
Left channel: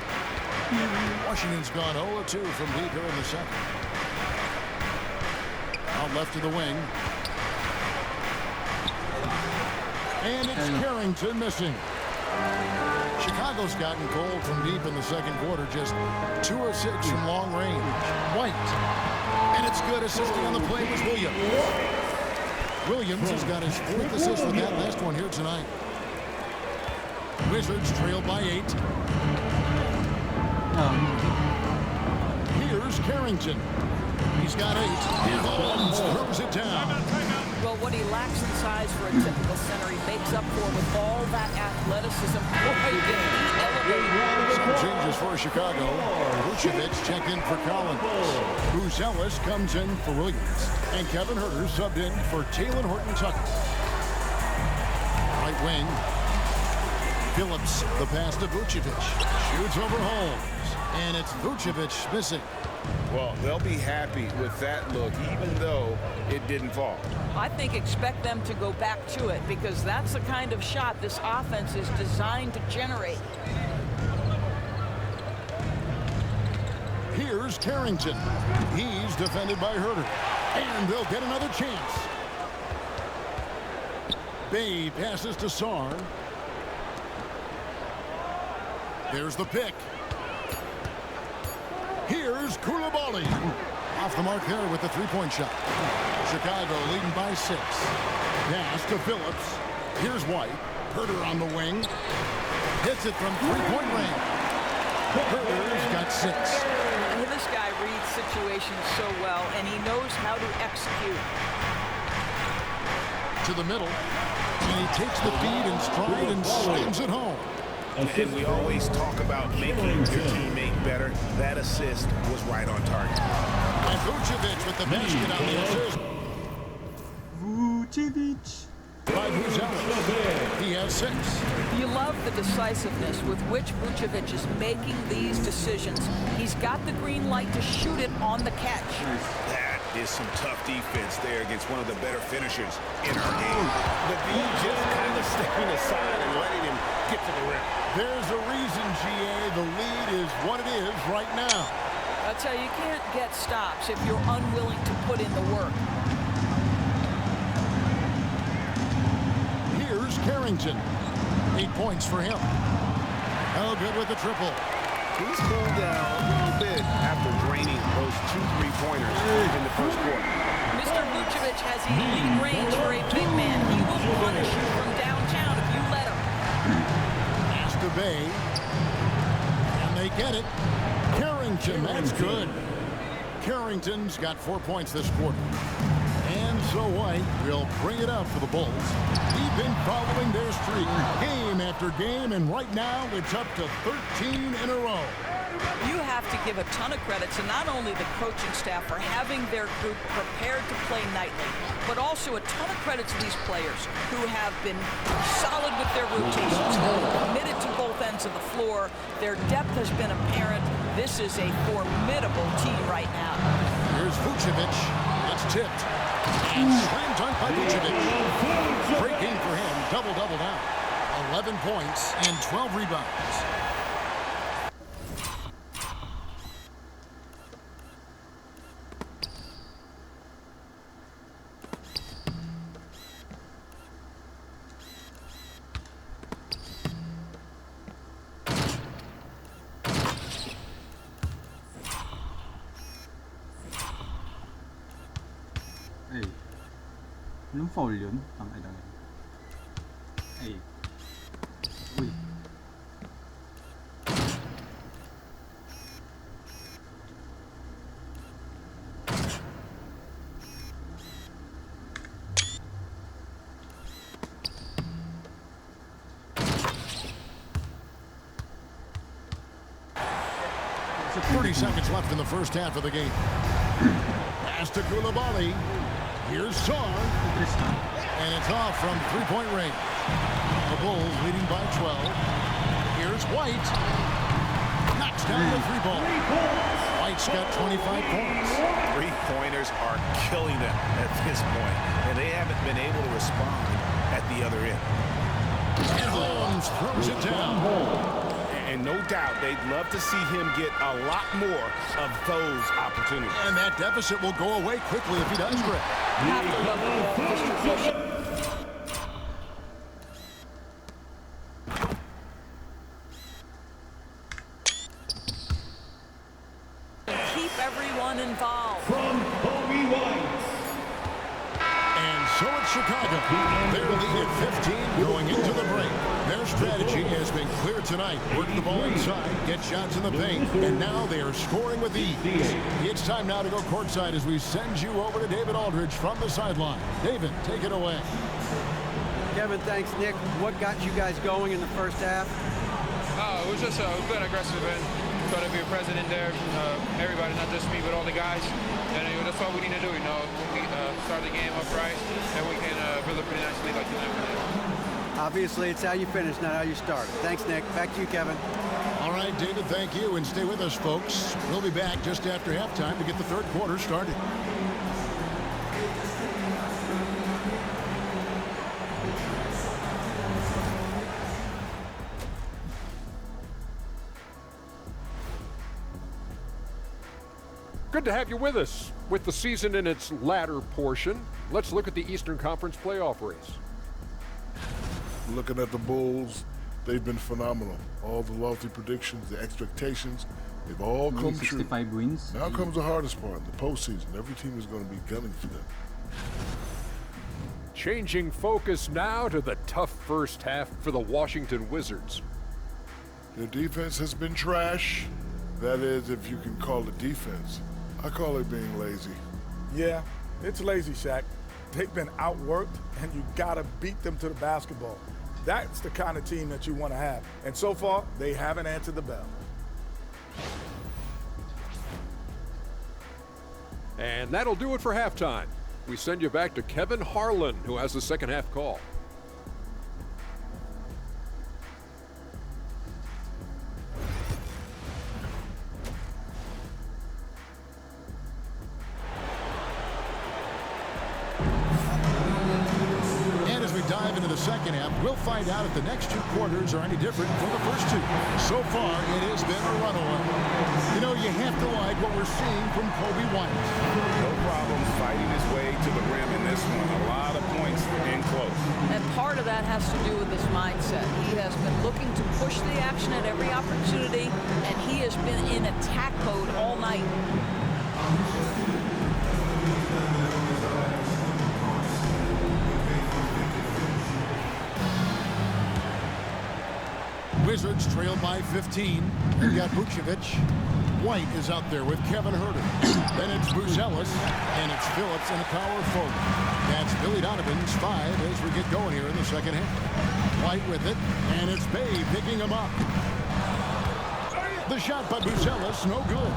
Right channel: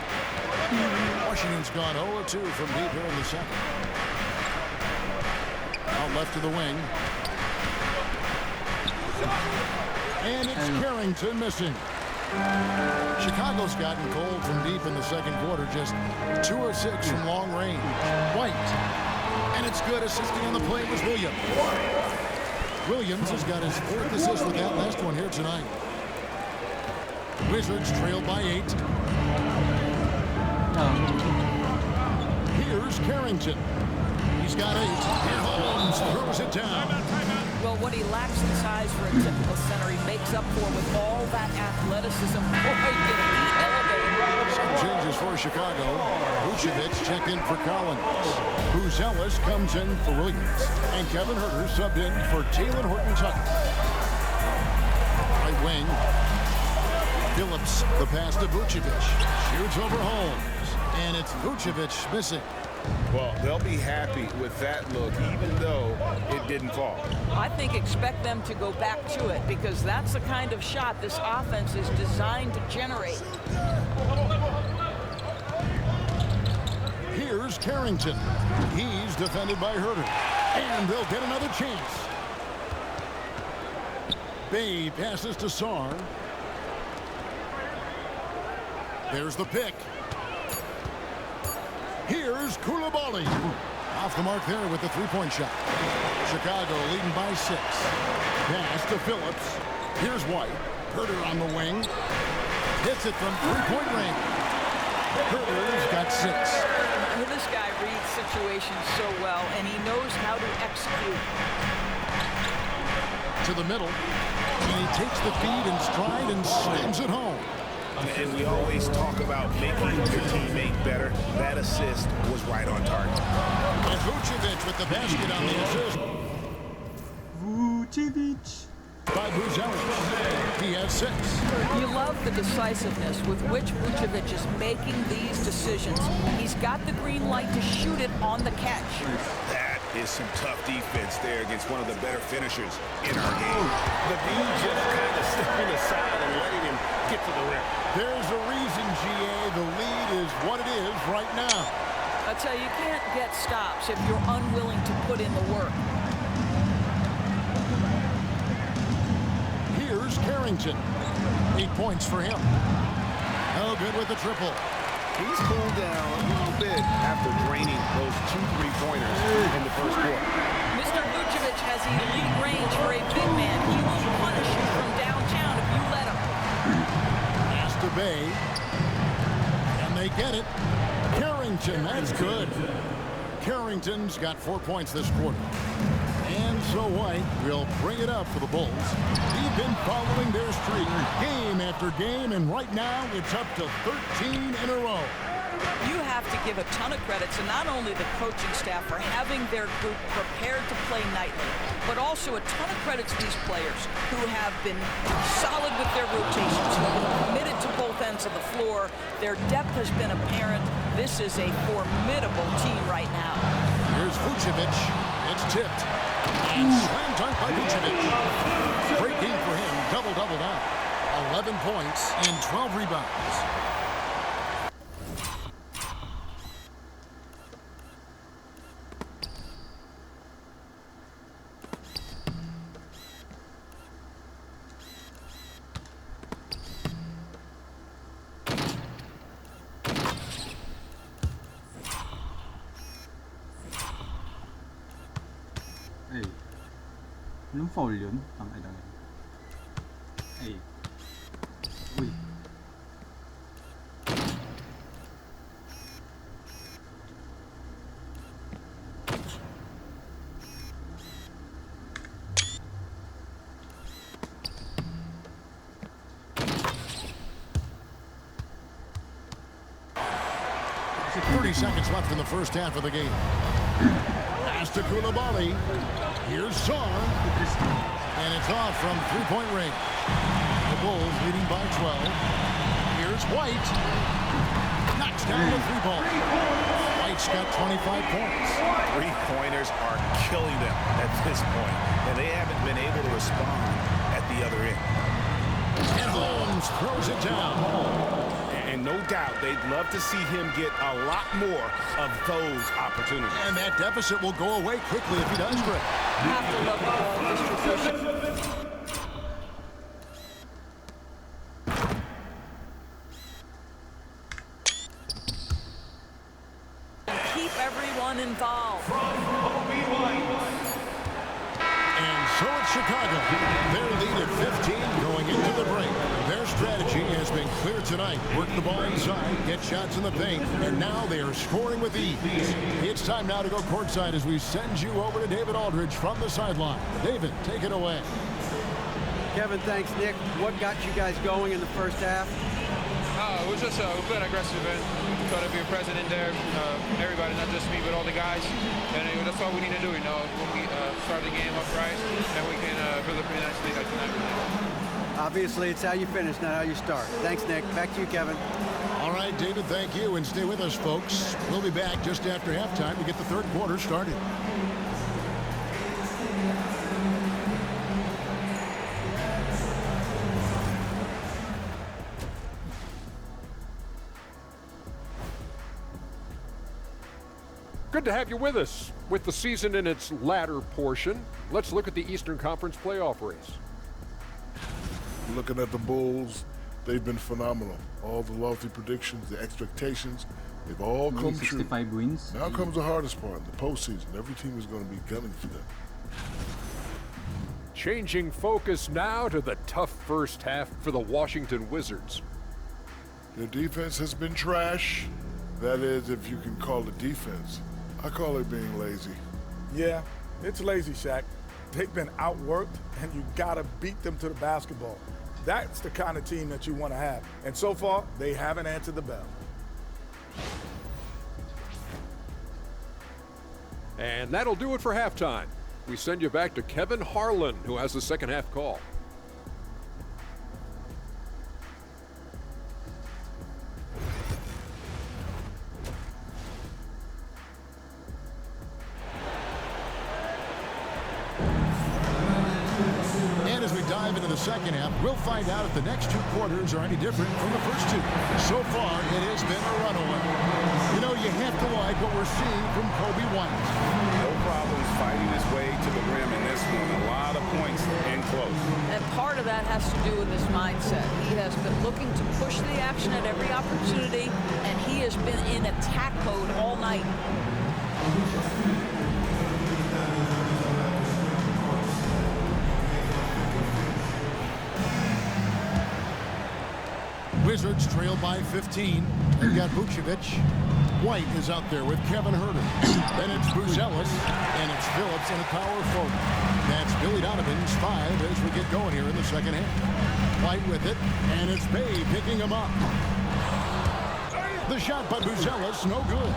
Washington's gone 0-2 from deep here in the second. Out left to the wing. And it's Carrington missing. Chicago's gotten cold from deep in the second quarter. Just 2 of 6 from long range. White. And it's good. Assisting on the play was Williams. Williams has got his 4th assist with that last one here tonight. Wizards trail by 8. Here's Carrington. He's got 8, and Holmes throws it down. Well, what he lacks in size for a typical center, he makes up for with all that athleticism. Boy, did he elevate. Some changes for Chicago. Vucevic checked in for Collins. Buzelis comes in for Williams. And Kevin Huerter subbed in for Taylor Horton Tucker. Right wing. Phillips, the pass to Vucevic. Shoots over Holmes. And it's Vucevic missing. Well, they'll be happy with that look, even though it didn't fall. I think expect them to go back to it because that's the kind of shot this offense is designed to generate. Here's Carrington. He's defended by Huerter. And they'll get another chance. Bay passes to Sarr. There's the pick. Here's Koulibaly. Off the mark there with the three-point shot. Chicago leading by 6. Pass to Phillips. Here's White. Huerter on the wing. Hits it from three-point range. Huerter's got 6. This guy reads situations so well, and he knows how to execute. To the middle. And he takes the feed in stride and slams it home. And we always talk about making your teammate better. That assist was right on target. And Vucevic with the basket on the assist. Vucevic. By Buzelis. He has 6. You love the decisiveness with which Vucevic is making these decisions. He's got the green light to shoot it on the catch. That is some tough defense there against one of the better finishers in our game. The D just kind of stepping aside and letting him get to the rim. There's a reason, GA, the lead is what it is right now. I tell you, you can't get stops if you're unwilling to put in the work. Here's Carrington. 8 points for him. Oh, good with the triple. He's cooled down a little bit after draining those 2 3-pointers in the first quarter. Mr. Vucevic has elite range for a big man. He will punish you from downtown if you let him. Pass to Bay. And they get it. Carrington, that's good. Carrington's got 4 points this quarter. And so White will bring it up for the Bulls. They've been following their streak game after game, and right now it's up to 13 in a row. You have to give a ton of credit to not only the coaching staff for having their group prepared to play nightly, but also a ton of credit to these players who have been solid with their rotations, who've been committed to both ends of the floor. Their depth has been apparent. This is a formidable team right now. Here's Vucevic. It's tipped. And slam dunk by Vucevic. Great game for him. Double-double now. 11 points and 12 rebounds. Anong foul yun? Tangina. Ay. Uy. It's 30 seconds left in the first half of the game. Pass to Koulibaly. Here's Sarr. And it's off from three-point range. The Bulls leading by 12. Here's White. Knocks down the three ball. White's got 25 points. Three-pointers are killing them at this point, and they haven't been able to respond at the other end. And Holmes throws it down. And no doubt they'd love to see him get a lot more of those opportunities. And that deficit will go away quickly if he does, Greg. Have to love the ball distribution. And keep everyone involved. From Kobe White. And so it's Chicago. Their lead at 15 going into the break. Their strategy has been clear tonight. Work the ball inside, get shots in the paint, and now they are scoring with ease. It's time now to go courtside as we send you over to David Aldridge from the sideline. David, take it away. Kevin, thanks, Nick. What got you guys going in the first half? It was just been aggressive and try to be present in there. Everybody, not just me, but all the guys. And that's what we need to do, when we start the game up right, and we can build a pretty nice lead like tonight we did. Obviously, it's how you finish, not how you start. Thanks, Nick. Back to you, Kevin. All right, David, thank you. And stay with us, folks. We'll be back just after halftime to get the third quarter started. Good to have you with us. With the season in its latter portion, let's look at the Eastern Conference playoff race. Looking at the Bulls, they've been phenomenal. All the lofty predictions, the expectations, they've all come true. 65 wins. Now comes the hardest part, the postseason. Every team is going to be gunning for them. Changing focus now to the tough first half for the Washington Wizards. Their defense has been trash. That is, if you can call it defense. I call it being lazy. Yeah, it's lazy, Shaq. They've been outworked, and you gotta beat them to the basketball. That's the kind of team that you want to have. And so far, they haven't answered the bell. And that'll do it for halftime. We send you back to Kevin Harlan, who has the second half call. As we dive into the second half, we'll find out if the next two quarters are any different from the first two. So far, it has been a runaway. You have to like what we're seeing from Kobe White. No problems fighting his way to the rim in this one. A lot of points in close. And part of that has to do with his mindset. He has been looking to push the action at every opportunity, and he has been in attack mode all night. Wizards trail by 15. They've got Vucevic. White is out there with Kevin Huerter. Then it's Bruce Ellis, and it's Phillips and a power forward. That's Billy Donovan's 5 as we get going here in the second half. White with it, and it's Bay picking him up. The shot by Buzelis, no good.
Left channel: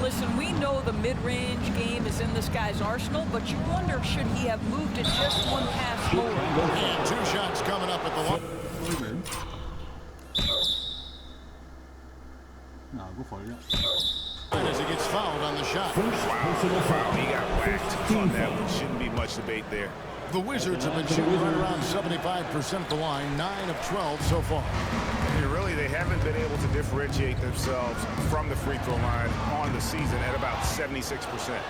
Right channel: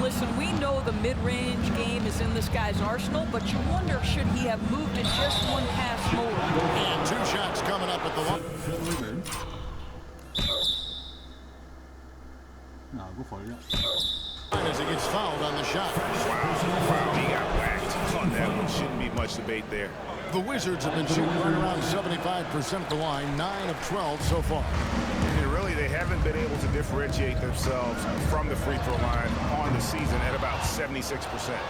Listen, we know the mid-range game is in this guy's arsenal, but you wonder, should he have moved it just one pass more? And 2 shots coming up at the line. As he gets fouled on the shot. Wow, he got whacked on that one. Shouldn't be much debate there. The Wizards have been shooting right around 75% at the line, 9 of 12 so far. And really, they haven't been able to differentiate themselves from the free throw line on the season at about 76%.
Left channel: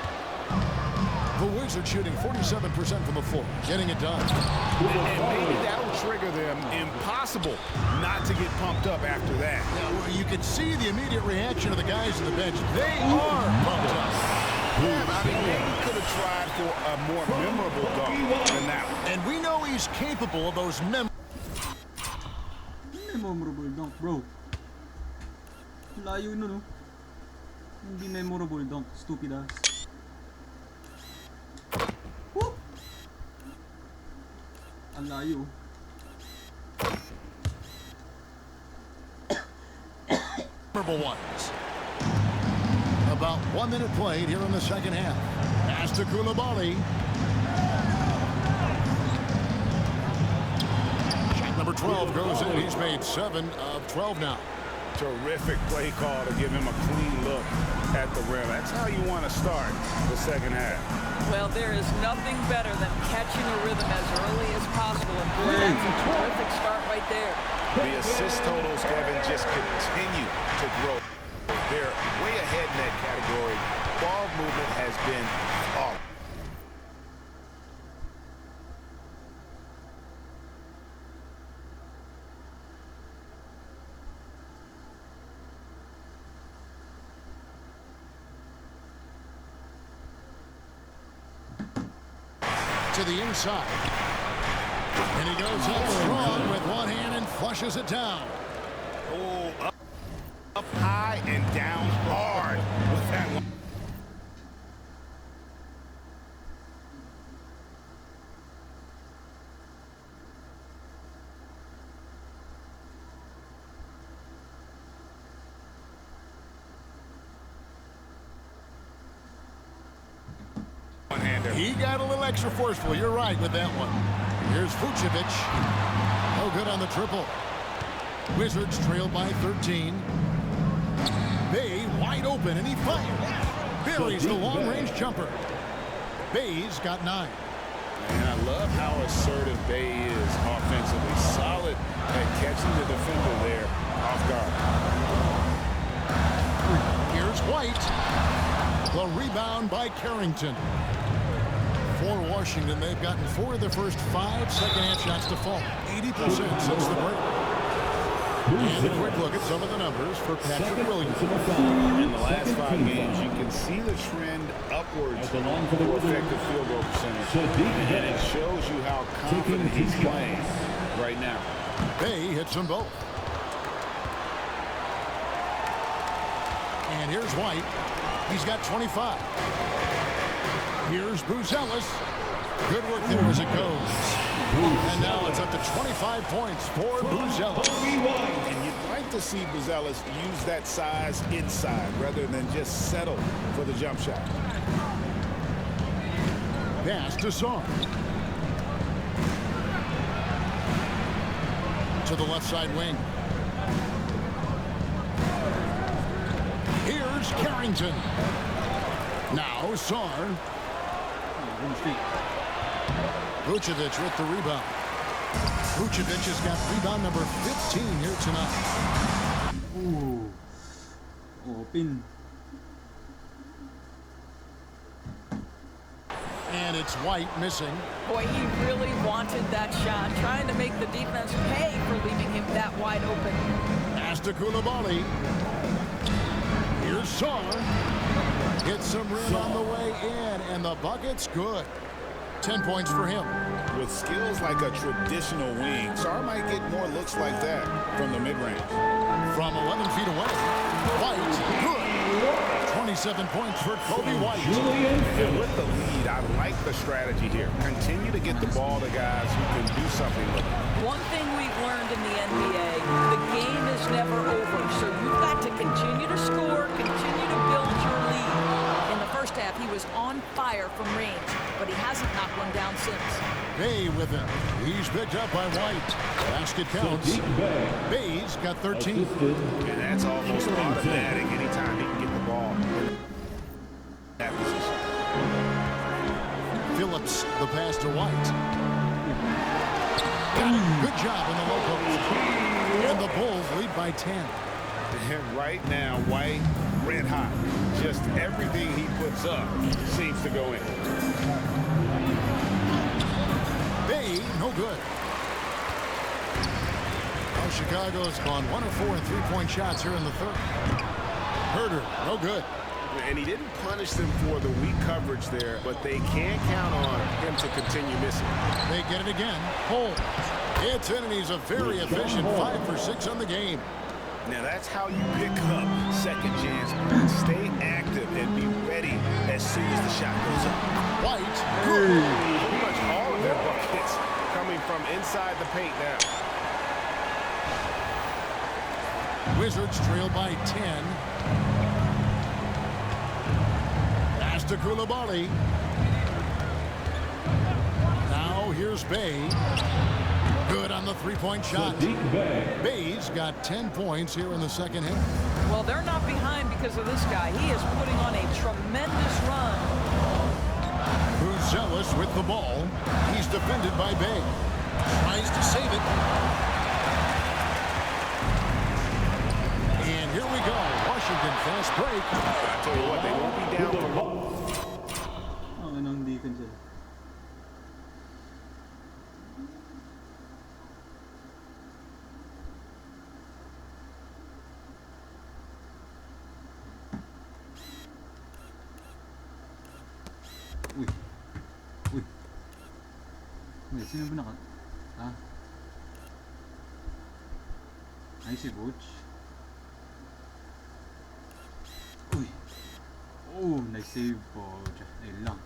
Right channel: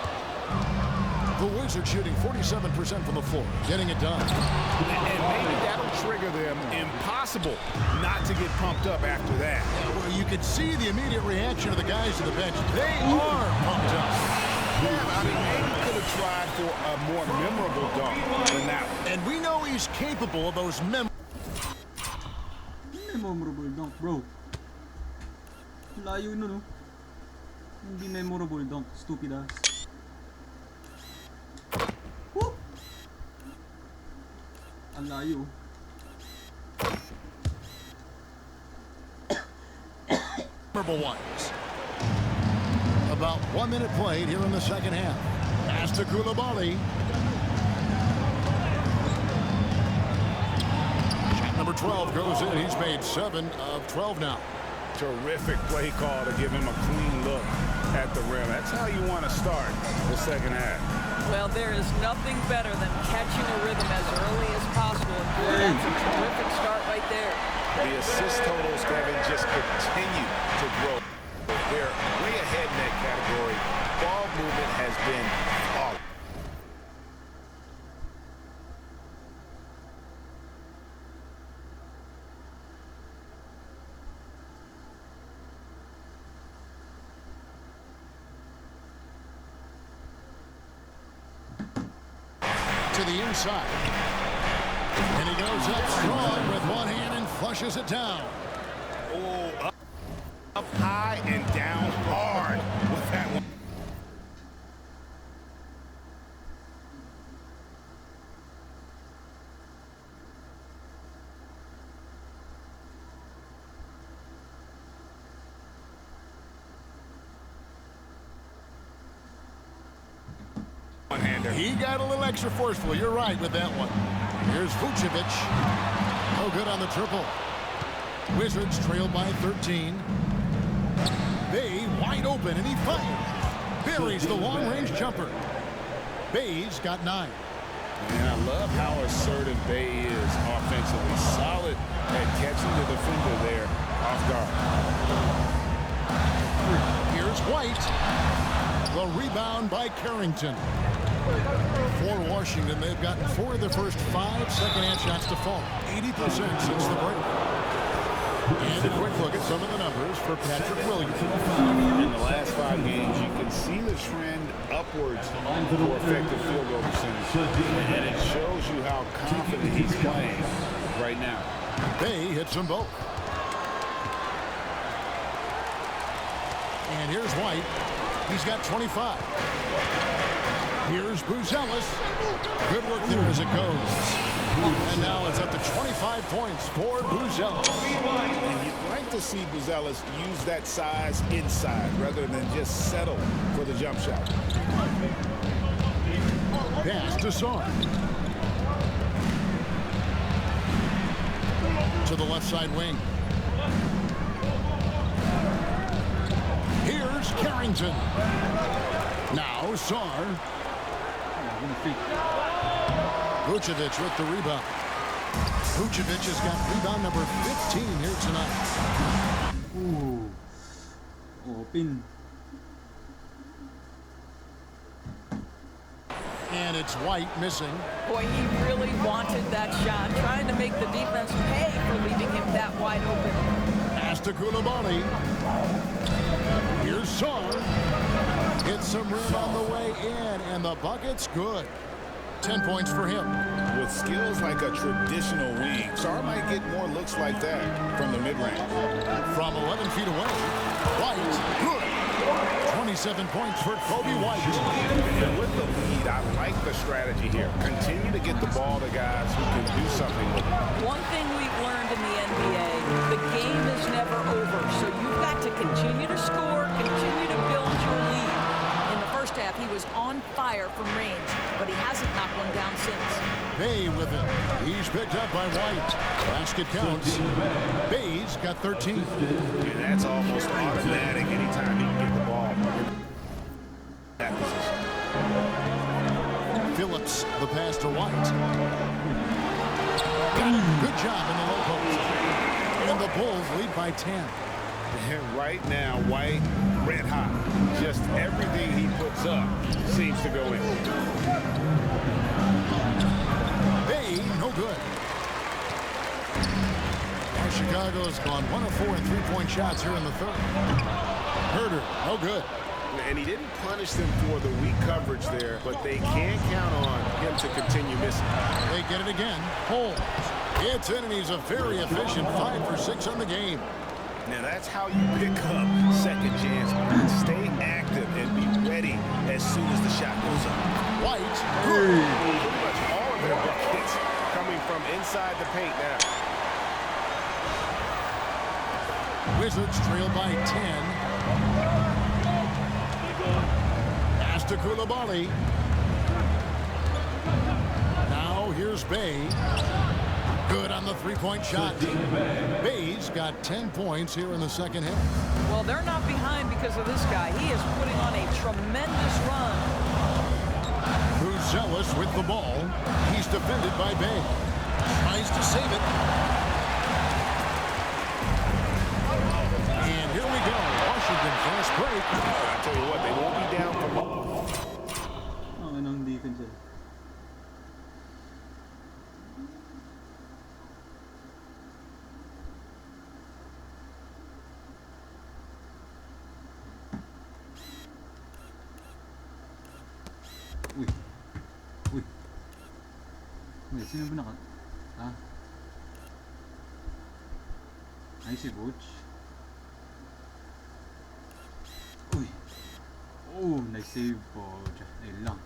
The Wizards shooting 47% from the floor, getting it done. And maybe that'll trigger them. Impossible not to get pumped up after that. Yeah, well, you could see the immediate reaction of the guys on the bench. They are pumped up. Yeah, I mean, maybe could have tried for a more memorable dunk than that one. And we know he's capable of those memorable dunk, bro. Layo nun, no? Hindi memorable dunk, stupid ass. Woo! Ang layo. memorable ones. About 1 minute played here in the second half. Pass to Coulibaly. Shot number 12 goes in. He's made 7 of 12 now. Terrific play call to give him a clean look at the rim. That's how you want to start the second half. Well, there is nothing better than catching a rhythm as early as possible. And boy, that's a terrific start right there. The assist totals, Kevin, just continue to grow. They're way ahead in that category. Ball movement has been flawless. To the inside. And he goes up strong with one hand and flushes it down. Oh, up high and down hard with that one. One-hander. He got a little extra forceful. You're right with that one. Here's Vucevic. No good on the triple. Wizards trail by 13. Bay wide open, and he fires. Buries the long-range jumper. Bay's got 9. And I love how assertive Bay is offensively. Solid at catching the defender there off guard. Here's White. The rebound by Carrington. For Washington, they've gotten 4 of their first 5 second-half shots to fall. 80% since the break. And a quick look at some of the numbers for Patrick Williams. In the last 5 games, you can see the trend upwards for effective field goal percentage. And it shows you how confident he's playing right now. Bay hits them both. And here's White. He's got 25. Here's Buzelis. Good work there as it goes. And now it's up to 25 points for Buzelis. And you'd like to see Buzelis use that size inside rather than just settle for the jump shot. Pass to Sarr. To the left side wing. Here's Carrington. Now Sarr. Vucevic with the rebound. Vucevic has got rebound number 15 here tonight. Ooh. Open. And it's White missing. Boy, he really wanted that shot, trying to make the defense pay for leaving him that wide open. Pass to Coulibaly. Here's Sarr. Gets some rim on the way in, and the bucket's good. 10 points for him. With skills like a traditional wing, Sarr might get more looks like that from the mid-range. From 11 feet away, White, good. 27 points for Kobe White. And with the lead, I like the strategy here. Continue to get the ball to guys who can do something with it. One thing we've learned in the NBA, the game is never over. So you've got to continue to score, continue to build your lead. In the first half, he was on fire from range, but he hasn't knocked one down since. Bay with it. He's picked up by White. Basket counts. Bay's got 13. And that's almost automatic anytime he can get the ball in that position. Phillips, the pass to White. Got it. Good job in the low post. And the Bulls lead by 10. And right now, White, red hot. Just everything he puts up seems to go in. Bay, no good. Now Chicago's gone 1 of 4 in three-point shots here in the third. Herter, no good. And he didn't punish them for the weak coverage there, but they can't count on him to continue missing. They get it again. Holmes. It's in, and he's a very efficient 5 for 6 on the game. Now that's how you pick up second chance. Stay active and be ready as soon as the shot goes up. White, good. Pretty much all of their buckets coming from inside the paint now. Wizards trail by 10. Pass to Coulibaly. Now here's Bay. Good on the three-point shot. Bay's got 10 points here in the second half. Well, they're not behind because of this guy. He is putting on a tremendous run. Buzelis with the ball. He's defended by Bay. Tries to save it. And here we go. Washington fast break. I tell you what, they won't be down for long. Oh, anong di kan sila? Uy. Uy. Wait, sino ba naka... Ah. Ay, si Butch. Uy. Oh, nice save po. Ayun lang.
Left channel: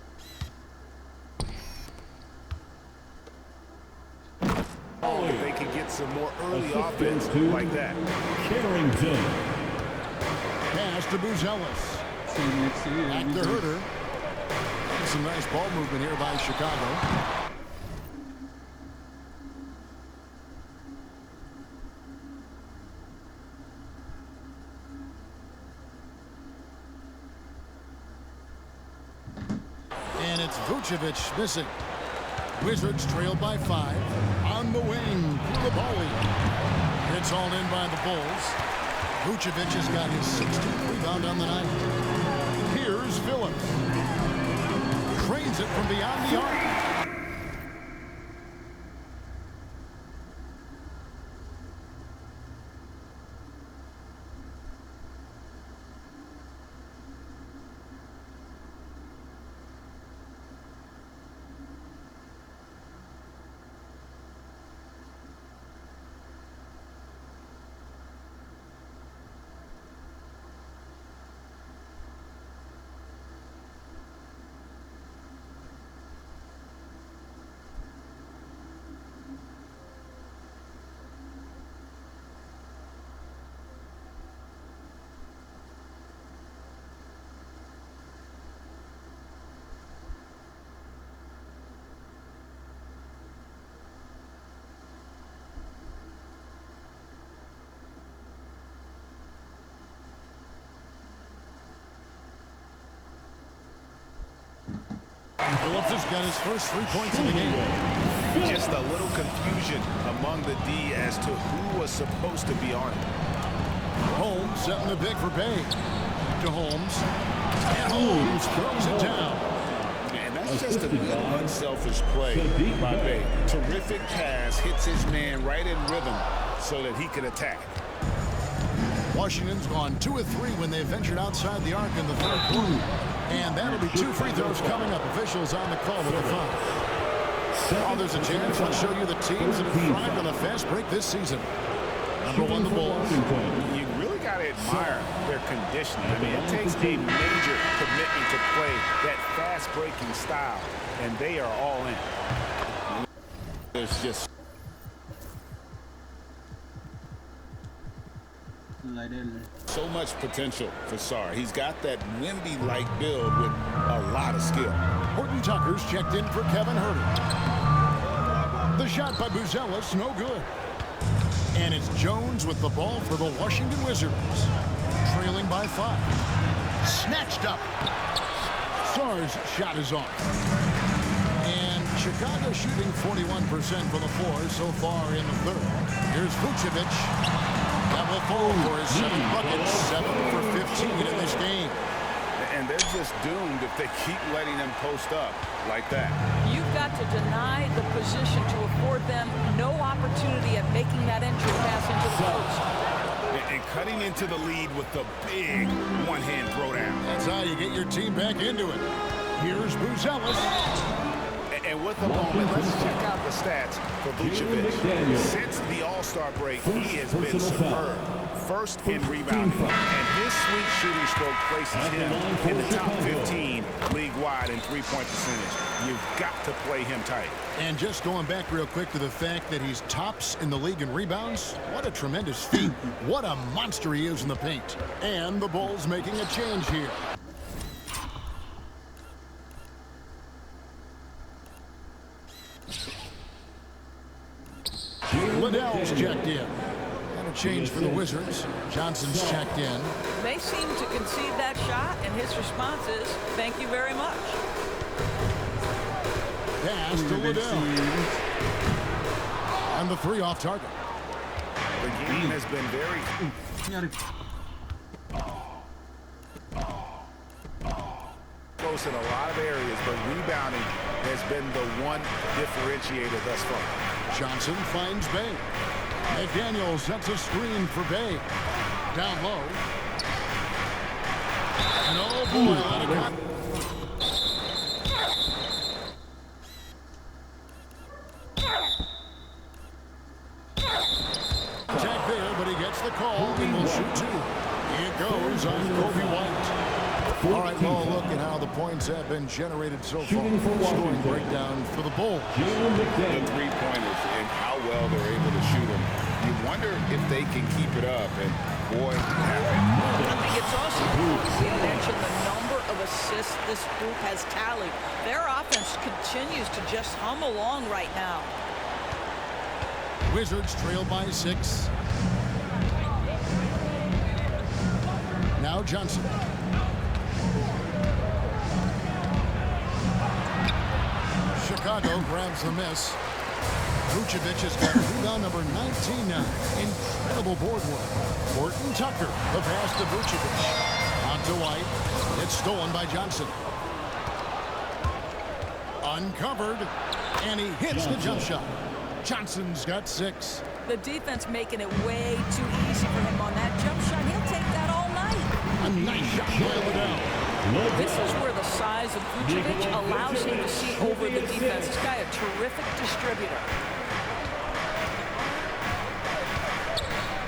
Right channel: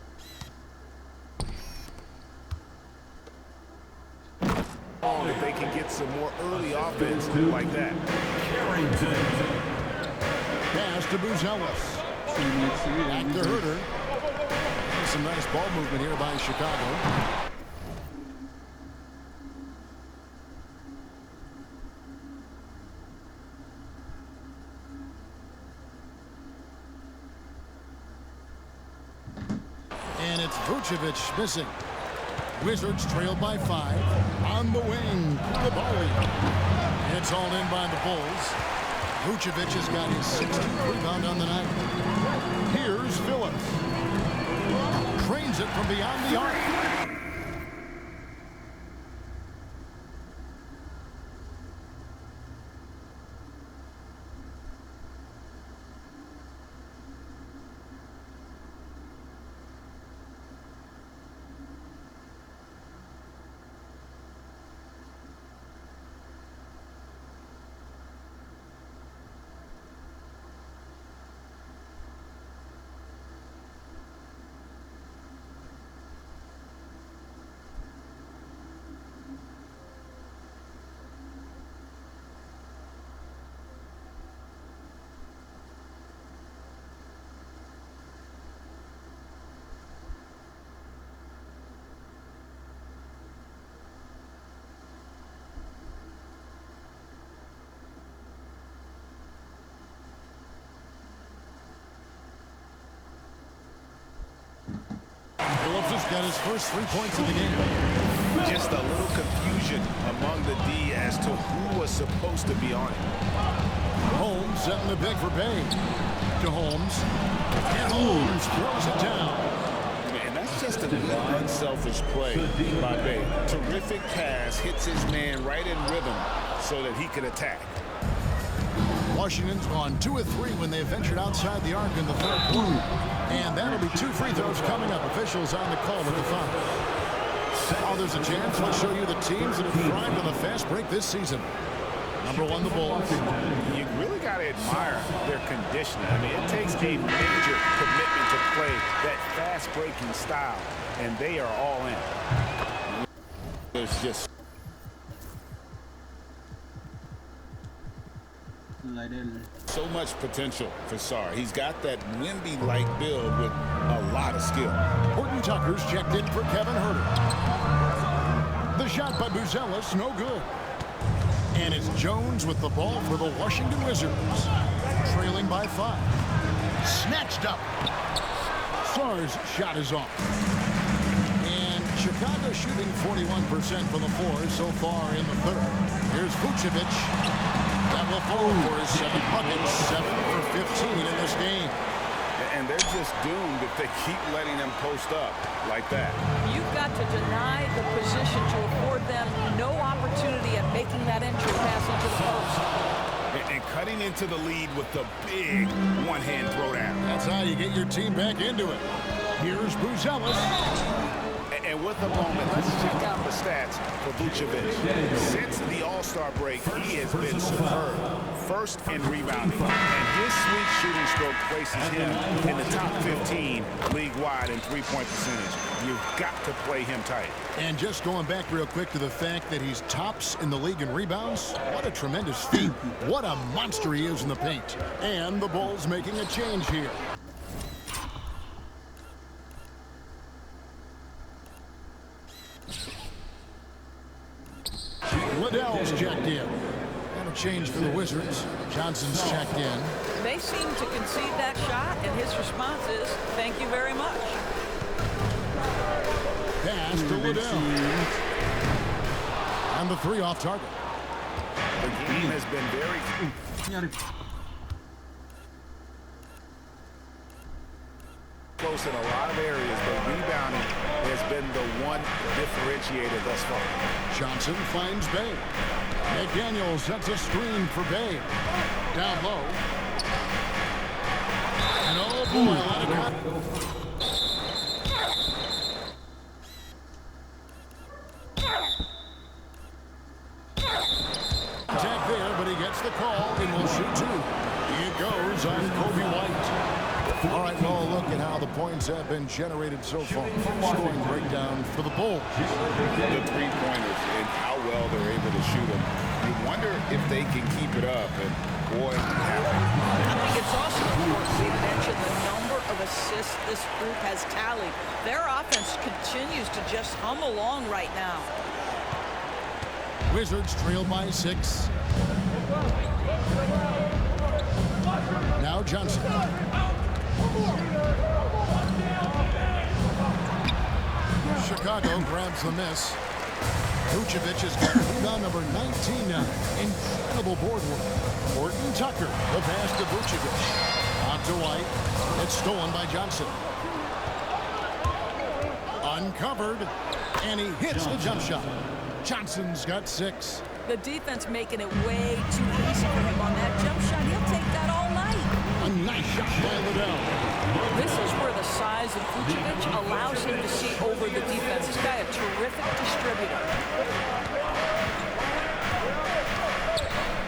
Oh, if they can get some more early offense like that. Carrington. Pass to Buzelis. Back to Herter. And some nice ball movement here by Chicago. And it's Vucevic missing. Wizards trail by 5. On the wing, Coulibaly. It's all in by the Bulls. Vucevic has got his 16th rebound on the night. Here's Phillips. Trains it from beyond the arc. Phillips has got his first 3 points of the game. Just a little confusion among the D as to who was supposed to be on it. Holmes setting the big for Bay. To Holmes. And Holmes throws it down. And that's just a good unselfish play by Bay. Terrific pass, hits his man right in rhythm so that he can attack. Washington's gone 2 of 3 when they ventured outside the arc in the third quarter. And that'll be 2 free throws coming up. Officials on the call with the foul. While there's a chance, let's show you the teams that have thrived on the fast break this season. Number one, the Bulls. You really got to admire their conditioning. I mean, it takes a major commitment to play that fast-breaking style, and they are all in. There's just so much potential for Sarr. He's got that Wemby-like build with a lot of skill. Horton Tucker's checked in for Kevin Huerter. The shot by Buzelis, no good. And it's Jones with the ball for the Washington Wizards. Trailing by 5. Snatched up. Sarr's shot is off. And Chicago shooting 41% from the floor so far in the third. Here's Vucevic. That will fall for his 7th bucket. 7 for 15 in this game. And they're just doomed if they keep letting them post up like that. You've got to deny the position to afford them no opportunity at making that entry pass into the post. And cutting into the lead with the big one-hand throwdown. That's how you get your team back into it. Here's Buzelis. And with a moment, let's check out the stats for Vucevic. Since the All-Star break, he has been superb. First in rebounding, and his sweet shooting stroke places him in the top 15 league-wide in three-point percentage. You've got to play him tight. And just going back real quick to the fact that he's tops in the league in rebounds, what a tremendous feat. What a monster he is in the paint. And the Bulls making a change here. Liddell's checked in. And a change for the Wizards. Johnson's checked in. They seem to concede that shot, and his response is, thank you very much. Pass to Liddell. And the 3 off target. The game has been very close in a lot of areas, but rebounding has been the one differentiator thus far. Johnson finds Bay. McDaniel sets a screen for Bay. Down low. And oh boy, a lot of contact there, but he gets the call and will shoot 2. It goes on Kobe White. All right, well, look at how the points have been generated so far. Scoring breakdown for the Bulls. The three-pointers and how well they're able to shoot them. You wonder if they can keep it up, and boy, it happened. I think it's also important we mention the number of assists this group has tallied. Their offense continues to just hum along right now. Wizards trail by 6. Now Johnson. Chicago grabs the miss. Vucevic has got rebound number 19 now. Incredible board work. Horton Tucker, the pass to Vucevic. On to White. It's stolen by Johnson. Uncovered. And he hits the jump shot. Johnson's got 6. The defense making it way too easy for him on that jump shot. He'll take that all night. A nice shot by Liddell. This is where the size of Vucevic allows him to see over the defense. This guy a terrific distributor.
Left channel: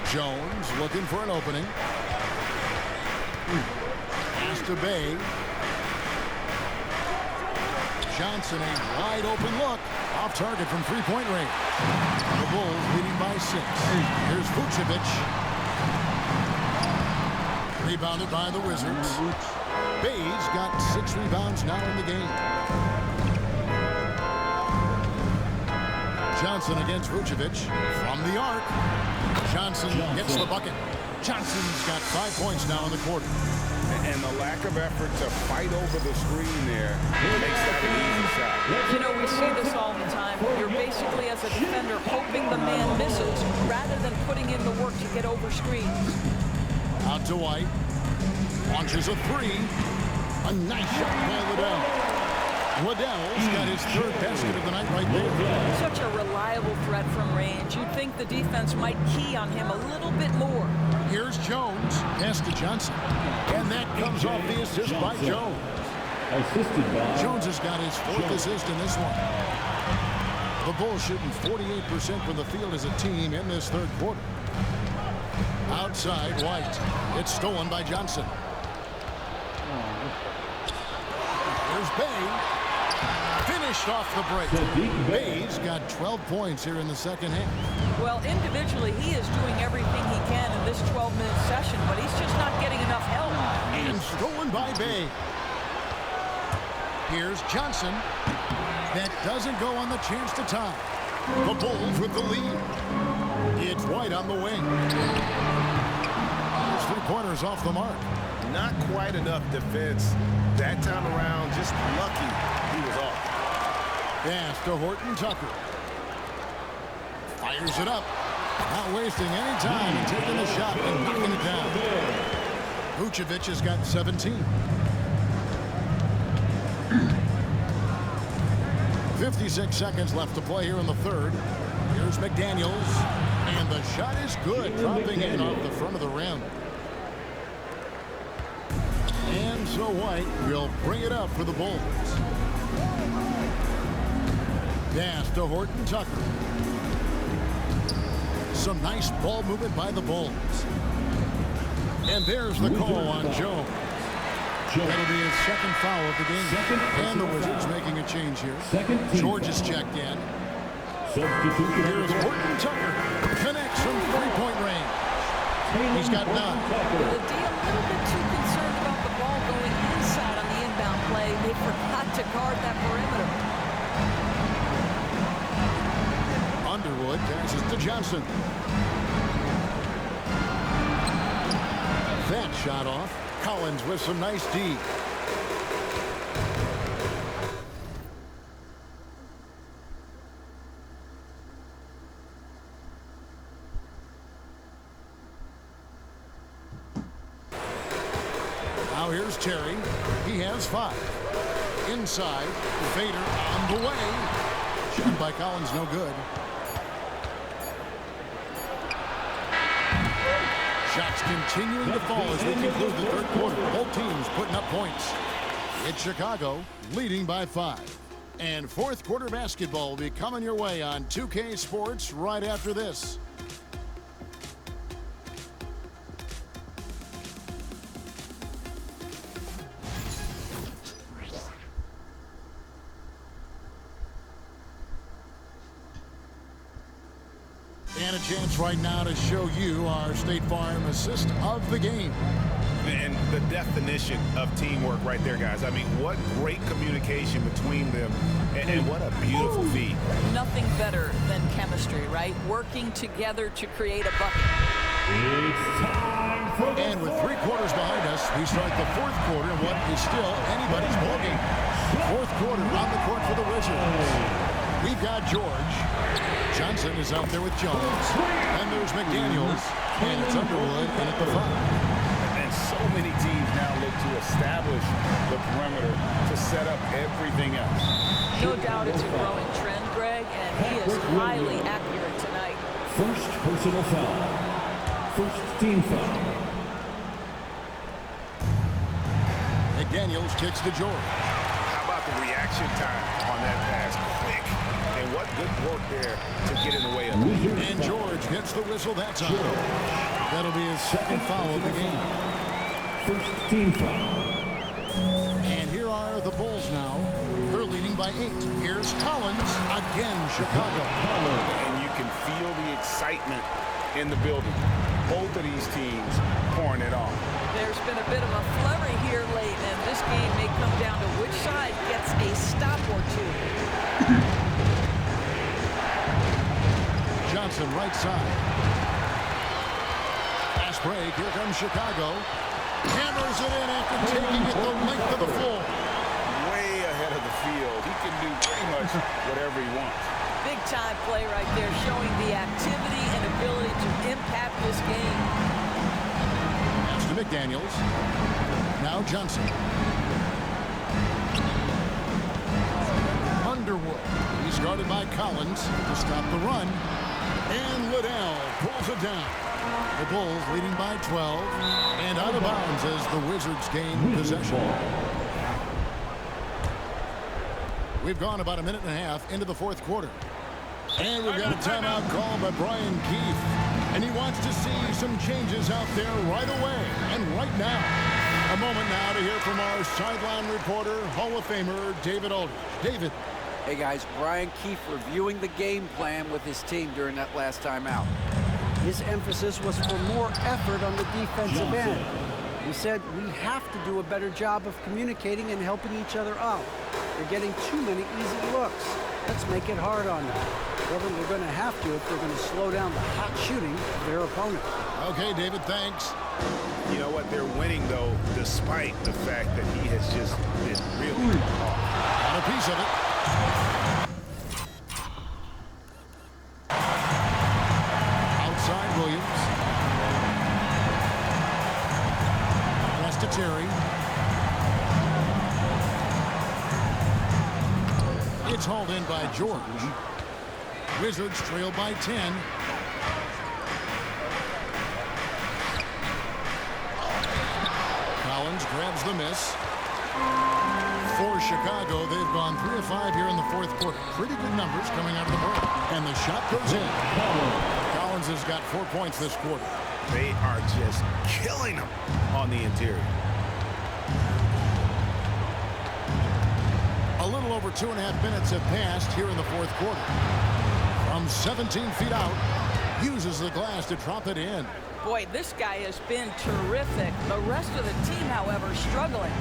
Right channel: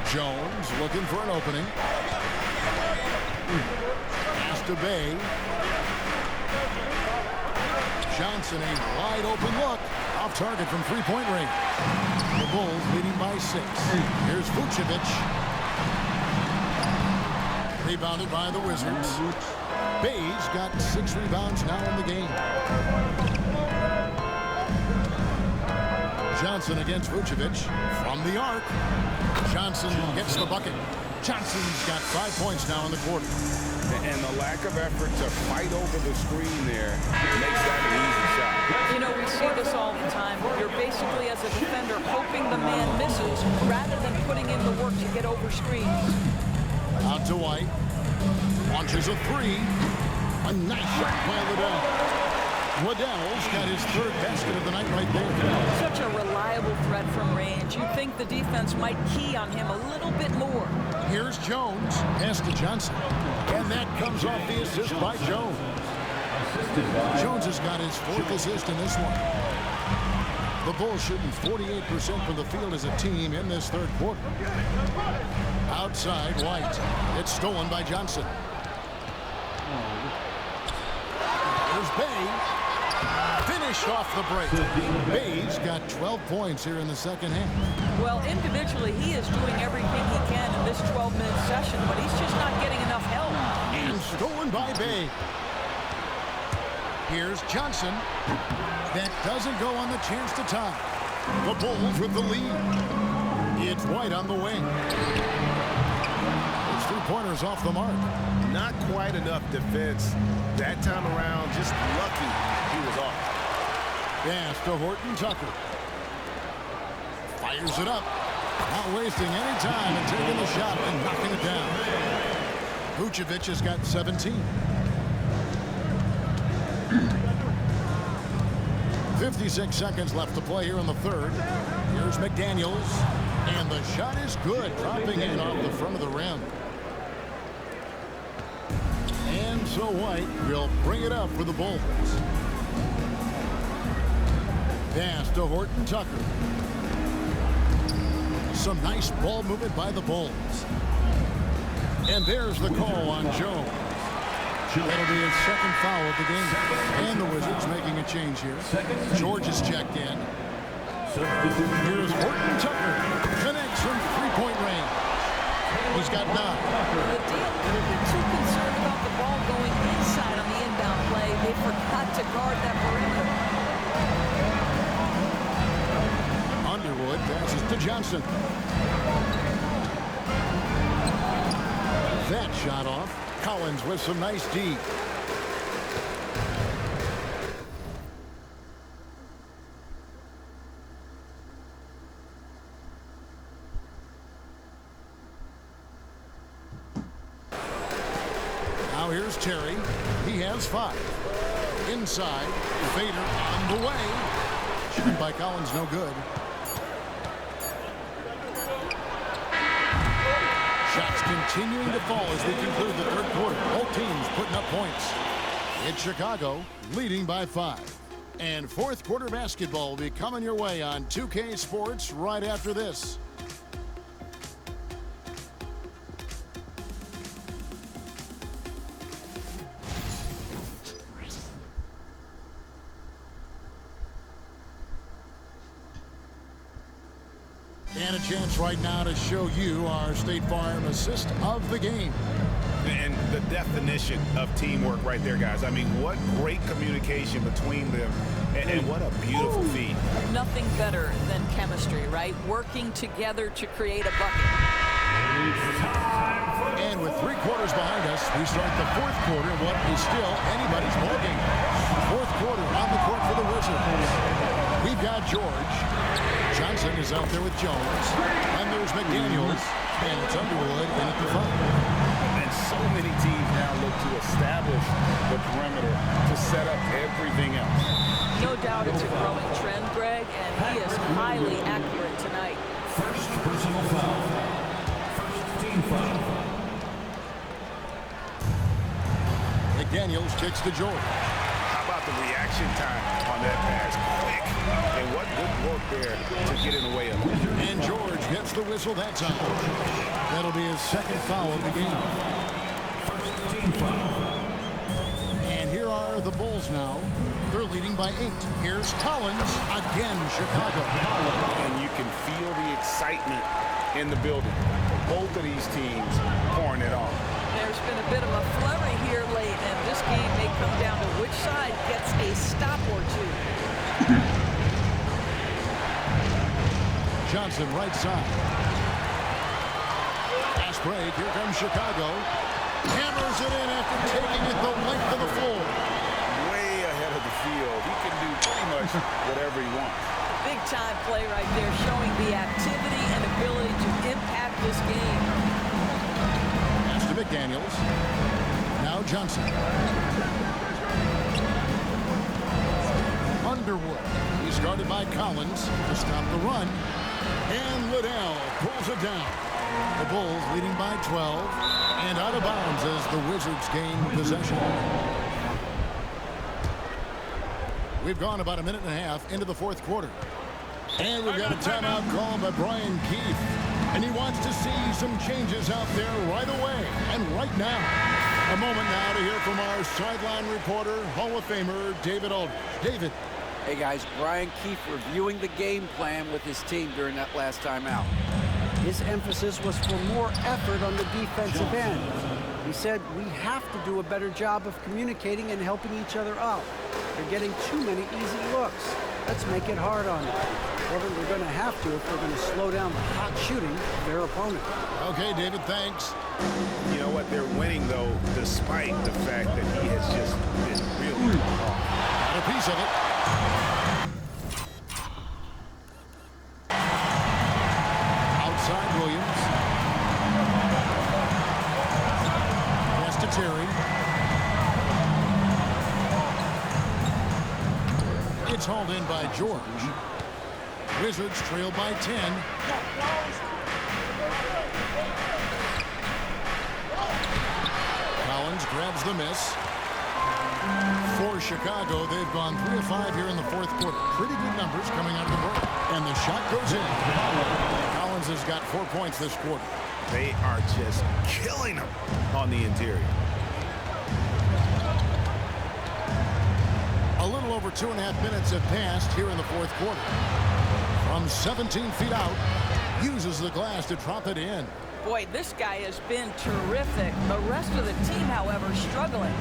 Jones looking for an opening. Pass to Bay. Johnson, a wide open look. Off target from three-point range. The Bulls leading by 6. Here's Vucevic. Rebounded by the Wizards. Bay's got 6 rebounds now in the game. Johnson against Vucevic from the arc. Johnson gets the bucket. Johnson's got 5 points now in the quarter. And the lack of effort to fight over the screen there makes that an easy shot. You know, we see this all the time. You're basically, as a defender, hoping the man misses rather than putting in the work to get over screens. Out to White. Launches a 3. A nice shot by Liddell. Liddell's got his 3rd basket of the night right there. Such a reliable threat from range. You'd think the defense might key on him a little bit more. Here's Jones. Pass to Johnson. And that comes off the assist by Jones. Assisted by Jones has got his 4th assist in this one. The Bulls shooting 48% from the field as a team in this third quarter. Outside, White. It's stolen by Johnson. Here's Bay. Finished off the break. Bay's got 12 points here in the second half. Well, individually, he is doing everything he can in this 12-minute session, but he's just not getting enough help. And stolen by Bay. Here's Johnson. That doesn't go on the chance to tie. The Bulls with the lead. It's White on the wing. His three-pointers off the mark. Not quite enough defense. That time around, just lucky he was off. Pass to Horton Tucker. Fires it up. Not wasting any time and taking the shot and knocking it down. Vucevic has got 17. 56 seconds left to play here in the third. Here's McDaniels. And the shot is good, dropping in off the front of the rim. And so White will bring it up for the Bulls. Pass to Horton Tucker. Some nice ball movement by the Bulls. And there's the call on Jones. That'll be his second foul of the game. And the Wizards making a change here. George is checked in. Here's Horton Tucker. Connects from three-point range. He's got 9. The D a little bit too concerned about the ball going inside on the inbound play. They forgot to guard that perimeter. Underwood passes to Johnson. That shot off. Collins with some nice D. Now here's Terry. He has 5. Inside, Vader on the way. Shot by Collins, no good. Shots continuing to fall as we conclude the third quarter. Both teams putting up points. It's Chicago leading by 5. And fourth quarter basketball will be coming your way on 2K Sports right after this. And a chance right now to show you our State Farm assist of the game. And the definition of teamwork right there, guys. I mean, what great communication between them, and what a beautiful feed. Nothing better than chemistry, right? Working together to create a bucket. And with 3 quarters behind us, we start the fourth quarter in what is still anybody's ballgame. Fourth quarter on the court for the Wizards. We've got George. Johnson is out there with Jones. And there's McDaniels. And it's Underwood in at the 5. And so many teams now look to establish the perimeter to set up everything else. No doubt it's a growing trend, Greg, and he is highly accurate tonight. First personal foul. First team foul. McDaniels kicks to George. How about the reaction time on that pass? Quick. And what good work there to get in the way of it. And George gets the whistle that time. That'll be his second foul of the game. First team foul. And here are the Bulls now. They're leading by 8. Here's Collins. Again, Chicago. And you can feel the excitement in the building. Both of these teams pouring it on. There's been a bit of a flurry here late, and this game may come down to which side gets a stop or 2. Johnson right side. Fast break. Here comes Chicago. Hammers it in after taking it the length of the floor. Way ahead of the field. He can do pretty much whatever he wants. Big time play right there, showing the activity and ability to impact this game. Pass to McDaniels. Now Johnson. Underwood. He's guarded by Collins to stop the run. And Liddell pulls it down. The Bulls leading by 12 and out of bounds as the Wizards gain possession. We've gone about a minute and a half into the fourth quarter. And we've got a timeout call by Brian Keefe. And he wants to see some changes out there right away and right now. A moment now to hear from our sideline reporter, Hall of Famer David Aldridge. David. Hey, guys, Brian Keefe reviewing the game plan with his team during that last timeout. His emphasis was for more effort on the defensive end. He said we have to do a better job of communicating and helping each other out. They're getting too many easy looks. Let's make it hard on them. Well, then they're going to have to if they're going to slow down the hot shooting of their opponent. Okay, David, thanks. You know what? They're winning, though, despite the fact that he has just been really off. Got a piece of it. Outside Williams. Pass to Terry. It's hauled in by George. Wizards trail by 10. Collins grabs the miss. For Chicago, they've gone 3 of 5 here in the fourth quarter. Pretty good numbers coming out of the break. And the shot goes in. Collins has got 4 points this quarter. They are just killing them on the interior. A little over 2.5 minutes have passed here in the fourth quarter. From 17 feet out, uses the glass to drop it in. Boy, this guy has been terrific. The rest of the team, however, struggling.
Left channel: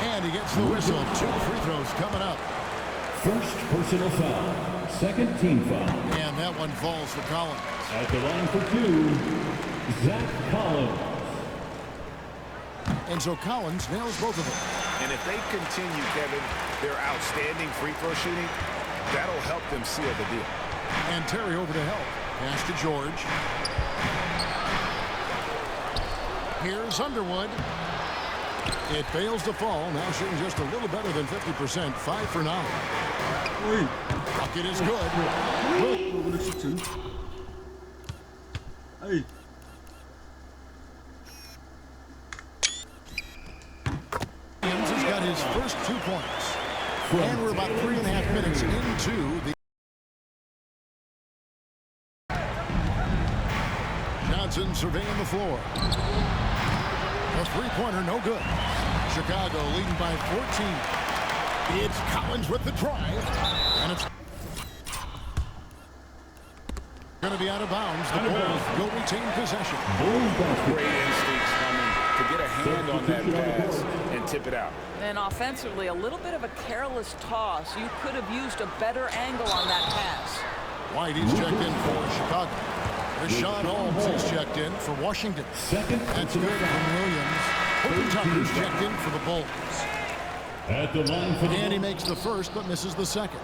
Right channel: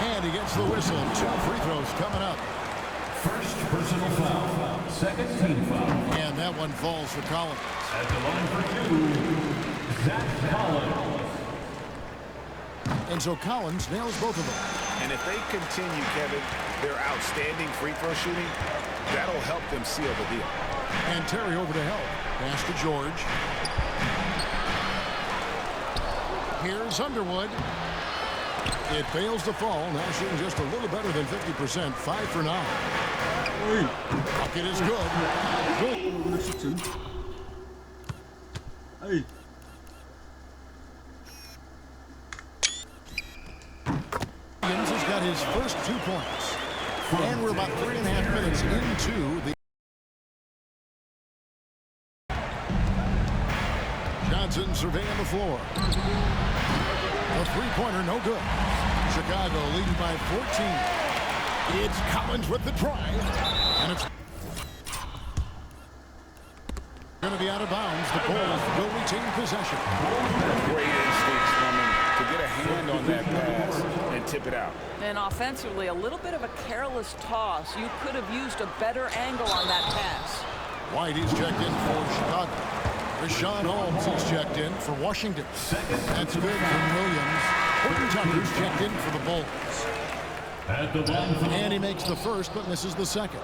And he gets the whistle. 2 free throws coming up. First personal foul. Second team foul. And that one falls for Collins. At the line for 2, Zach Collins. And so Collins nails both of them. And if they continue, Kevin, their outstanding free throw shooting, that'll help them seal the deal. And Terry over to help. Pass to George. Here's Underwood. It fails to fall. Now shooting just a little better than 50%. 5 for 9. Bucket is good. Hey. Williams has got his first 2 points. And we're about 3.5 minutes into the... Johnson surveying the floor. A three-pointer, no good. Chicago leading by 14. It's Collins with the drive. And it's going to be out of bounds. The Bulls will retain possession. Great instincts from him to get a hand on that pass and tip it out. And offensively, a little bit of a careless toss. You could have used a better angle on that pass. White, he's checked in for Chicago. Rashawn Holmes is checked in for Washington. That's good from Williams. Horton Tucker's checked in for the Bulls. At the line for and he makes the first but misses the second.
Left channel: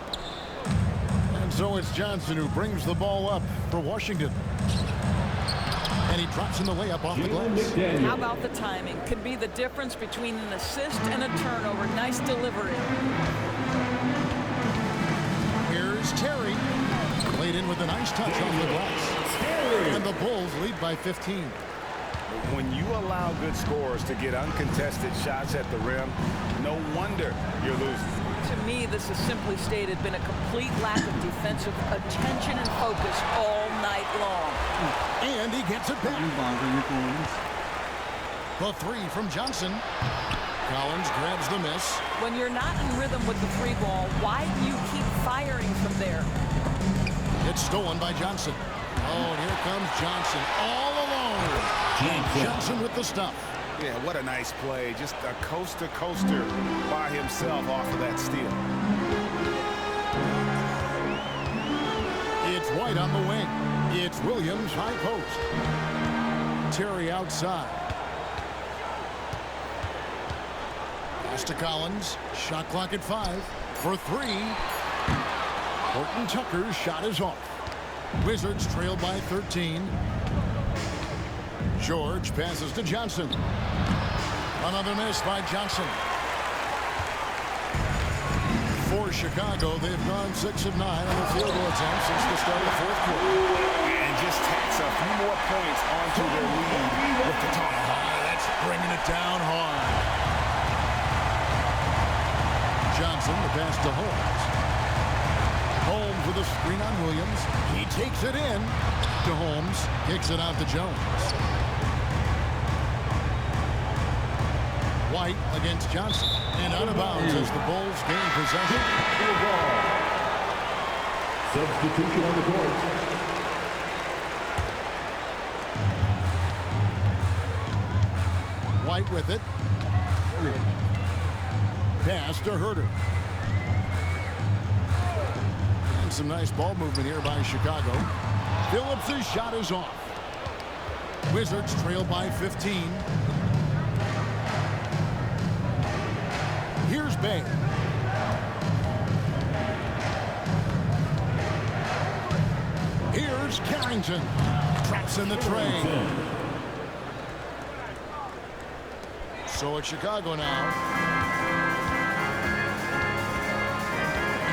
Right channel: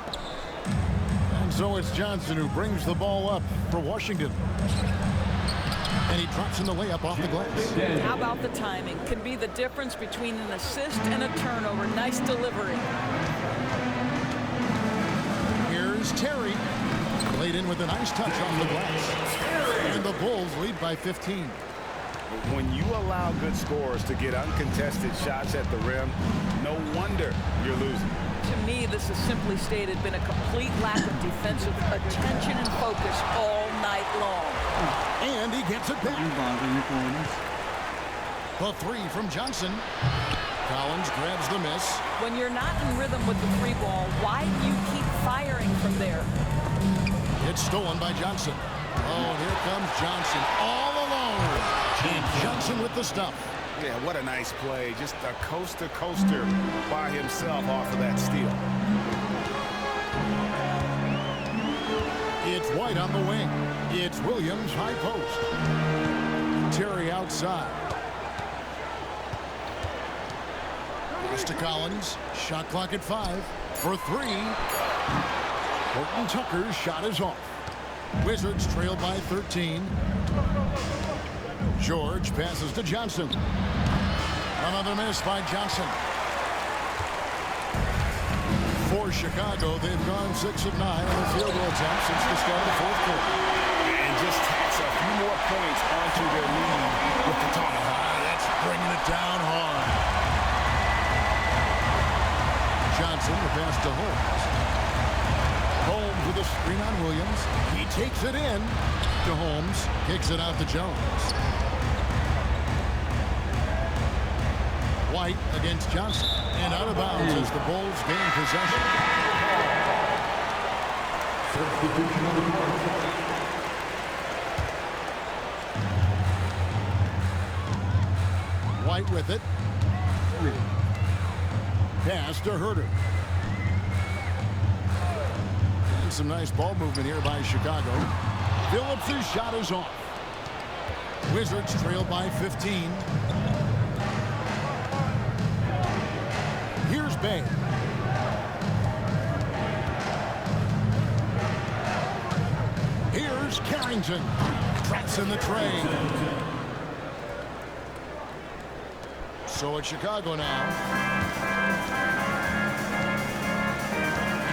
And so it's Johnson who brings the ball up for Washington. And he drops in the layup off the glass. How about the timing? Can be the difference between an assist and a turnover. Nice delivery. Here's Terry. Laid in with a nice touch off the glass. And the Bulls lead by 15. When you allow good scorers to get uncontested shots at the rim, no wonder you're losing. To me, this is simply stated been a complete lack of defensive attention and focus all night long. And he gets it back. The three from Johnson. Collins grabs the miss. When you're not in rhythm with the three ball, why do you keep firing from there? It's stolen by Johnson. Oh, and here comes Johnson all alone. And Johnson with the stuff. Yeah, what a nice play. Just a coast-to-coaster by himself off of that steal. It's White on the wing. It's Williams high post. Terry outside. Pass to Collins. Shot clock at 5 for 3. Horton Tucker's shot is off. Wizards trail by 13. George passes to Johnson. Another miss by Johnson. For Chicago, they've gone 6 of 9 on the field goal attempts since the start of the fourth quarter. And just tacks a few more points onto their lead with the tomahawk. That's bringing it down hard. Johnson, the pass to Holmes. Holmes with a screen on Williams. He takes it in to Holmes. Kicks it out to Jones. White against Johnson. And out of bounds as the Bulls gain possession. Substitution on the court. White with it. Pass to Herter. And some nice ball movement here by Chicago. Phillips' shot is off. Wizards trail by 15. Here's Bay. Here's Carrington. Traps in the tray. So it's Chicago now.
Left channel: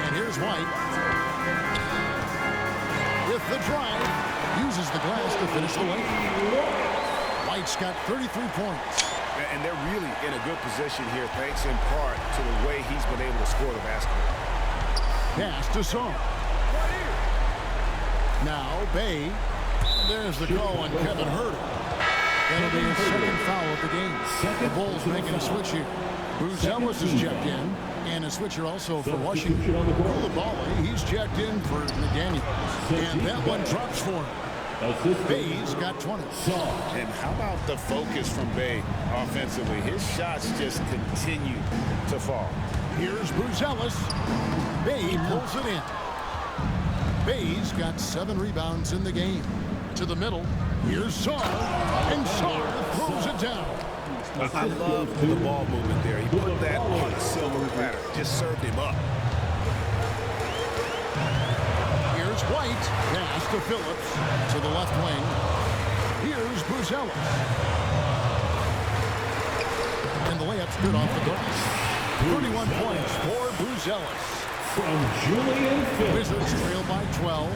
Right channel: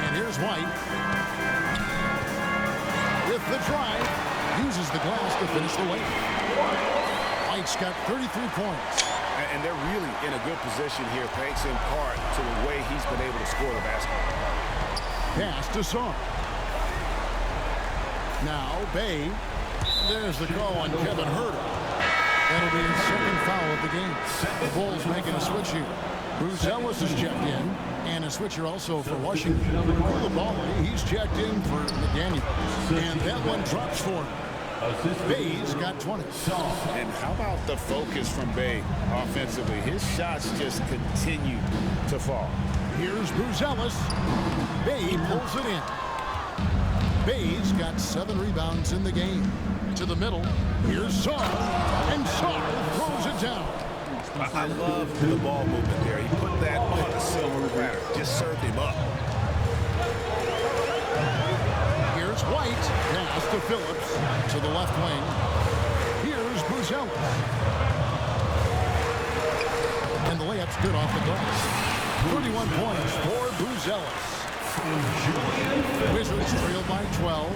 And here's White. With the drive. Uses the glass to finish the lane. White's got 33 points. And they're really in a good position here, thanks in part to the way he's been able to score the basketball. Pass to Song. Now Bay. There's the call on Kevin Herter. That'll be his second foul of the game. The Bulls making a switch here. Buzelis is checked in. And a switcher also for Washington. Koulibaly, he's checked in for McDaniels. And that one drops for him. Bay's got 20. And how about the focus from Bay offensively? His shots just continue to fall. Here's Buzelis. Bay pulls it in. Bay's got 7 rebounds in the game. To the middle. Here's Sarr. And Sarr throws it down. I love the ball movement there. He put that on a silver platter. Just served him up. Here's White. Pass to Phillips. To the left wing. Here's Buzelis. And the layup's good off the glass. 31 points for Buzelis. From Julian Phillips. Wizards trail by 12.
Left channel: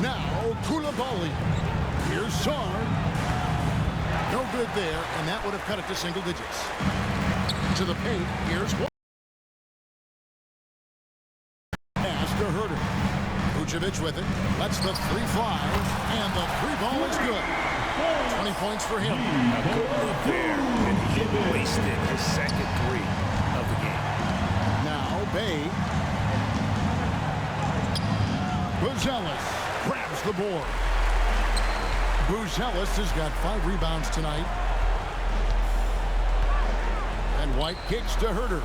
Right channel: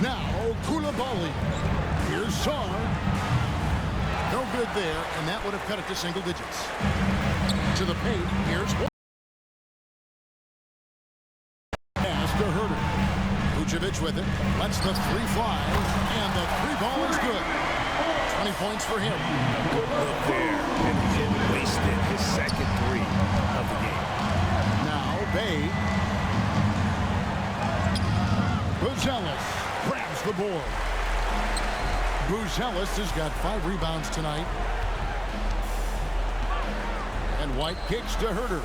Now Koulibaly. Here's Sarr. No good there, and that would have cut it to single digits. To the paint. Here's White. Pass to Herter. Vucevic with it. Lets the 3 fly, and the 3 ball is good. 20 points for him. A good look there, and he didn't waste it. His second 3 of the game. Now Bay. Buzelis grabs the board. Buzelis has got 5 rebounds tonight. And White kicks to Herter.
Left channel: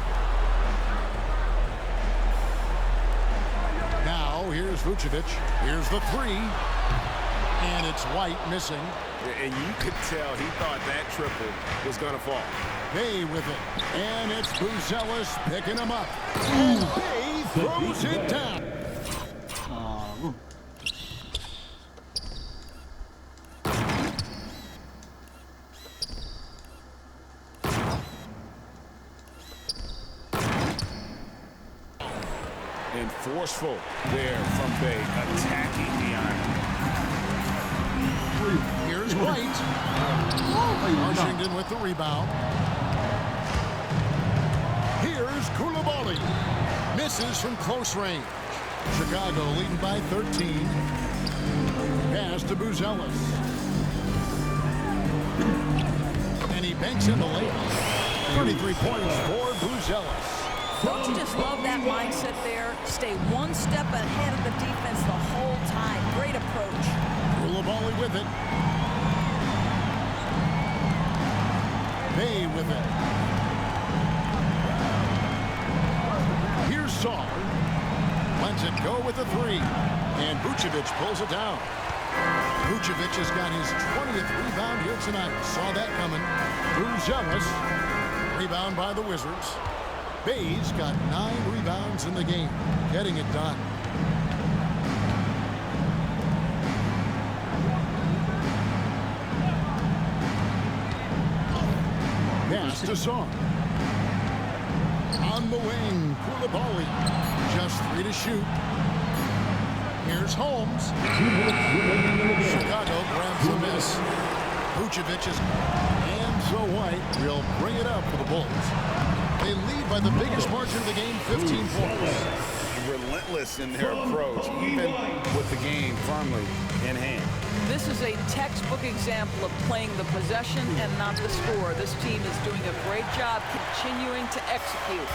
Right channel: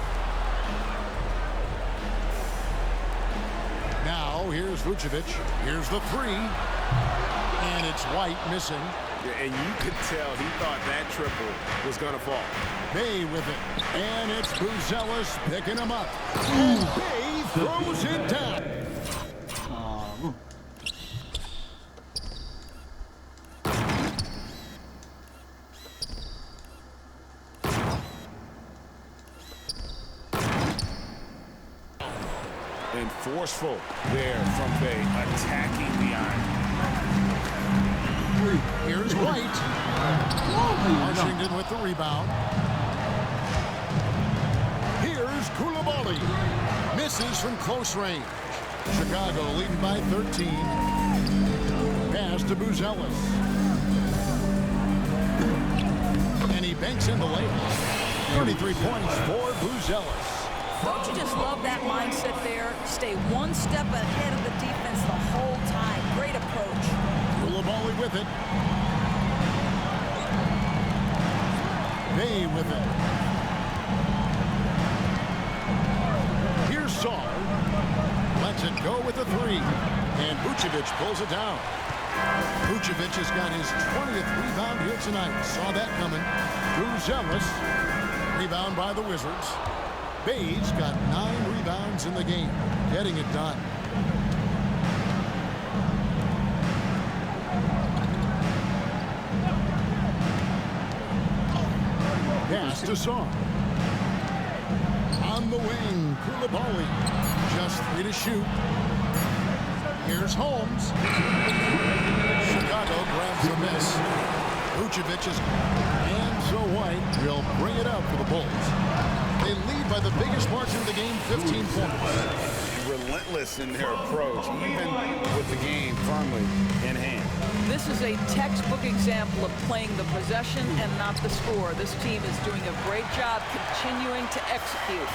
Now here's Vucevic. Here's the 3. And it's White missing. And you could tell he thought that triple was going to fall. Bay with it. And it's Buzelis picking him up. And Bay throws it down. And forceful there from Bay, attacking the iron. Here's White. Washington with the rebound. Here's Koulibaly. Misses from close range. Chicago leading by 13. Pass to Buzelis. And he banks in the layup. 33 points for Buzelis. Don't you just love that mindset there? Stay one step ahead of the defense the whole time. Great approach. Koulibaly with it. Bay with it. Here's Sarr. Lets it go with a 3. And Vucevic pulls it down. Vucevic has got his 20th rebound here tonight. Saw that coming. Buzelis. Rebound by the Wizards. Bay's got 9 rebounds in the game. Getting it done. Pass to Song. On the wing, Koulibaly. Just 3 to shoot. Here's Holmes. Chicago grabs the miss. Vucevic is, and so White will bring it up for the Bulls. They lead by the biggest margin of the game, 15 points. Relentless in their approach, even with the game firmly in hand. This is a textbook example of playing the possession and not the score. This team is doing a great job continuing to execute.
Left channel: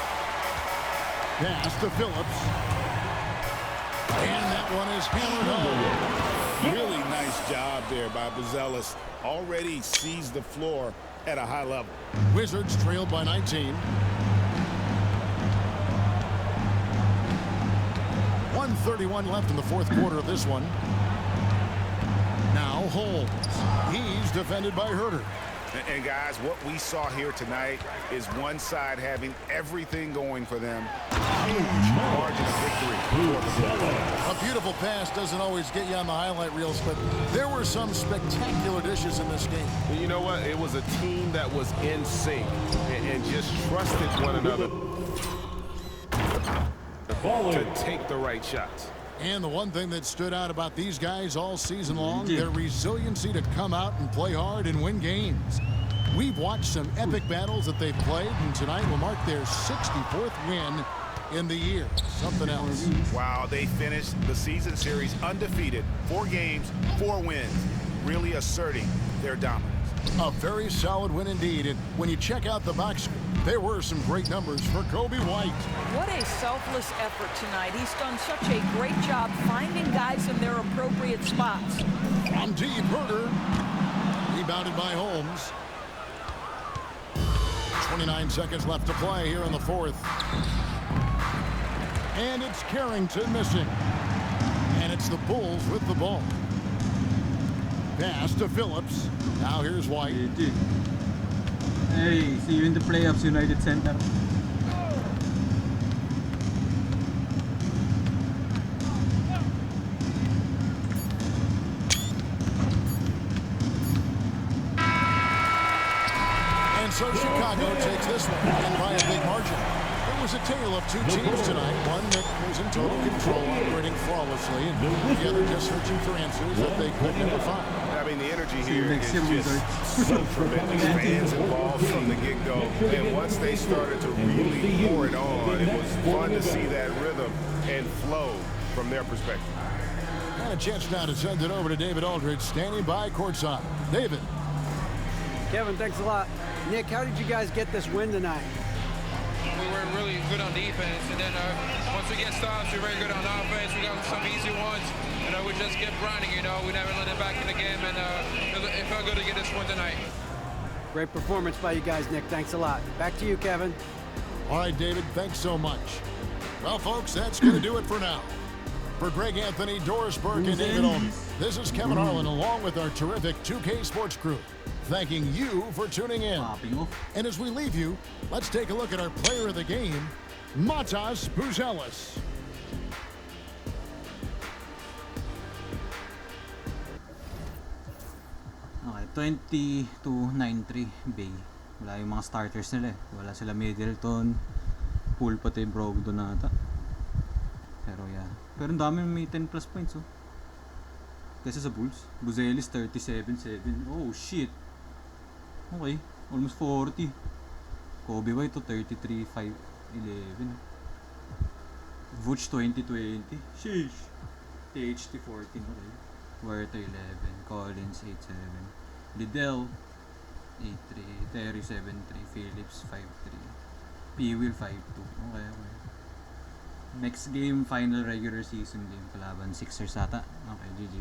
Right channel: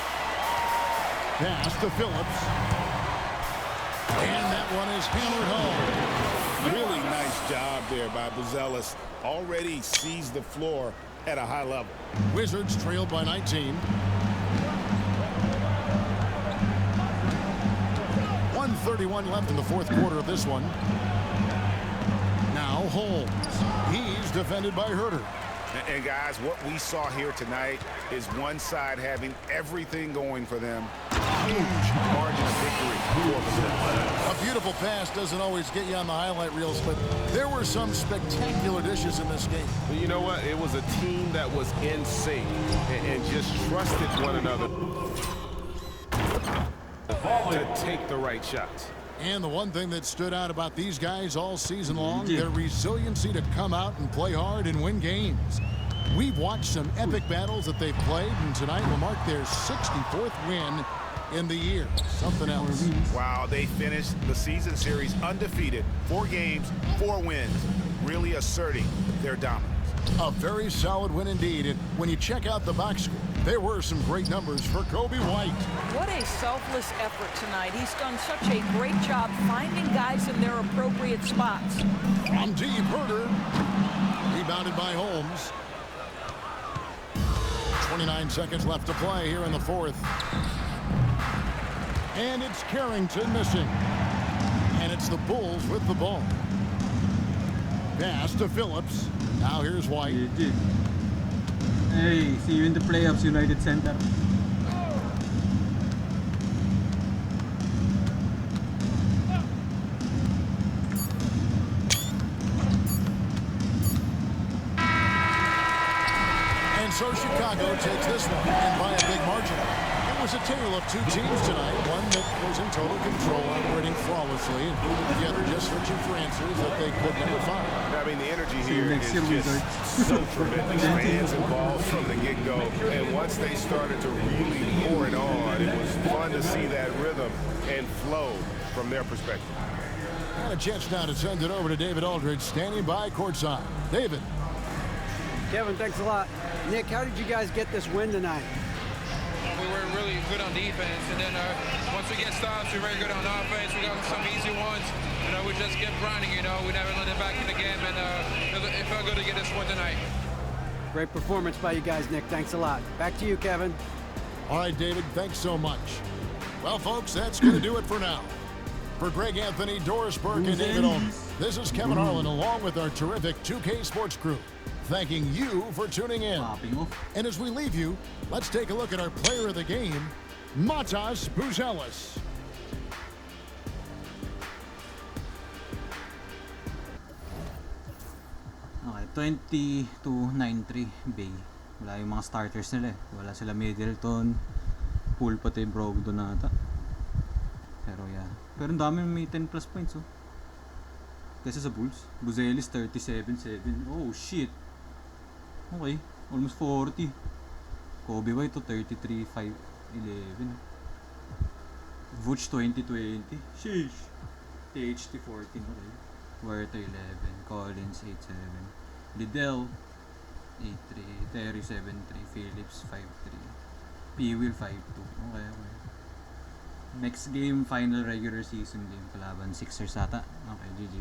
Pass to Phillips. And that one is hammered home. Really nice job there by Buzelis. Already sees the floor at a high level. Wizards trailed by 19. 1:31 left in the fourth quarter of this one. Now Holmes. He's defended by Herter. And guys, what we saw here tonight is one side having everything going for them. Huge margin of victory for the Bulls. A beautiful pass doesn't always get you on the highlight reels, but there were some spectacular dishes in this game. You know what? It was a team that was in sync and just trusted one another to take the right shots. And the one thing that stood out about these guys all season long, their resiliency to come out and play hard and win games. We've watched some epic battles that they've played, and tonight will mark their 64th win in the year. Something else. Wow, they finished the season series undefeated. 4 games, 4 wins, really asserting their dominance. A very solid win indeed, and when you check out the box score, there were some great numbers for Kobe White. What a selfless effort tonight. He's done such a great job finding guys in their appropriate spots. From deep, Herter. Rebounded by Holmes. 29 seconds left to play here in the fourth. And it's Carrington missing. And it's the Bulls with the ball. Pass to Phillips. Now here's White. GG. Hey, see you in the playoffs, United Center. And so Chicago takes this one, and by a big margin. It was a tale of two teams tonight, one that was in total control, operating flawlessly, and the other just searching for answers that they could never find. I mean, the energy here is just so tremendous. Fans involved from the get-go, and once they started to really pour it on, it was fun to see that rhythm and flow from their perspective. And a chance now to send it over to David Aldridge, standing by courtside. David. Kevin, thanks a lot. Nick, how did you guys get this win tonight? We were really good on defense, and then once we get stops, we're very good on offense. We got some easy ones, we just kept grinding, We never let them back in the game, and it felt good to get this one tonight. Great performance by you guys, Nick. Thanks a lot. Back to you, Kevin. All right, David, thanks so much. Well, folks, that's going to do it for now. For Greg Anthony, Doris Burke, and David Aldridge, this is Kevin Harlan, along with our terrific 2K Sports crew, thanking you for tuning in. And as we leave you, let's take a look at our player of the game, Matas Buzelis. Okay, 20-9-3 Bay. Wala yung mga starters nila eh. Wala sila Middleton, Poole pati Brogdon na ata. Pero yeah. Pero ang dami may 10 plus points oh. Kasi sa Bulls, Buzelis 37-7. Oh shit. Okay, almost 40. Kobe White to 33-5-11. Vuce 20-20. Sheesh. THT 14. Okay. Werther 11. Collins 8-7. Liddell 8-3. Terry 7-3. Phillips 5-3. P-Will 5-2. Okay. Next game, final regular season game. Kalaban Sixers ata. Okay, GG.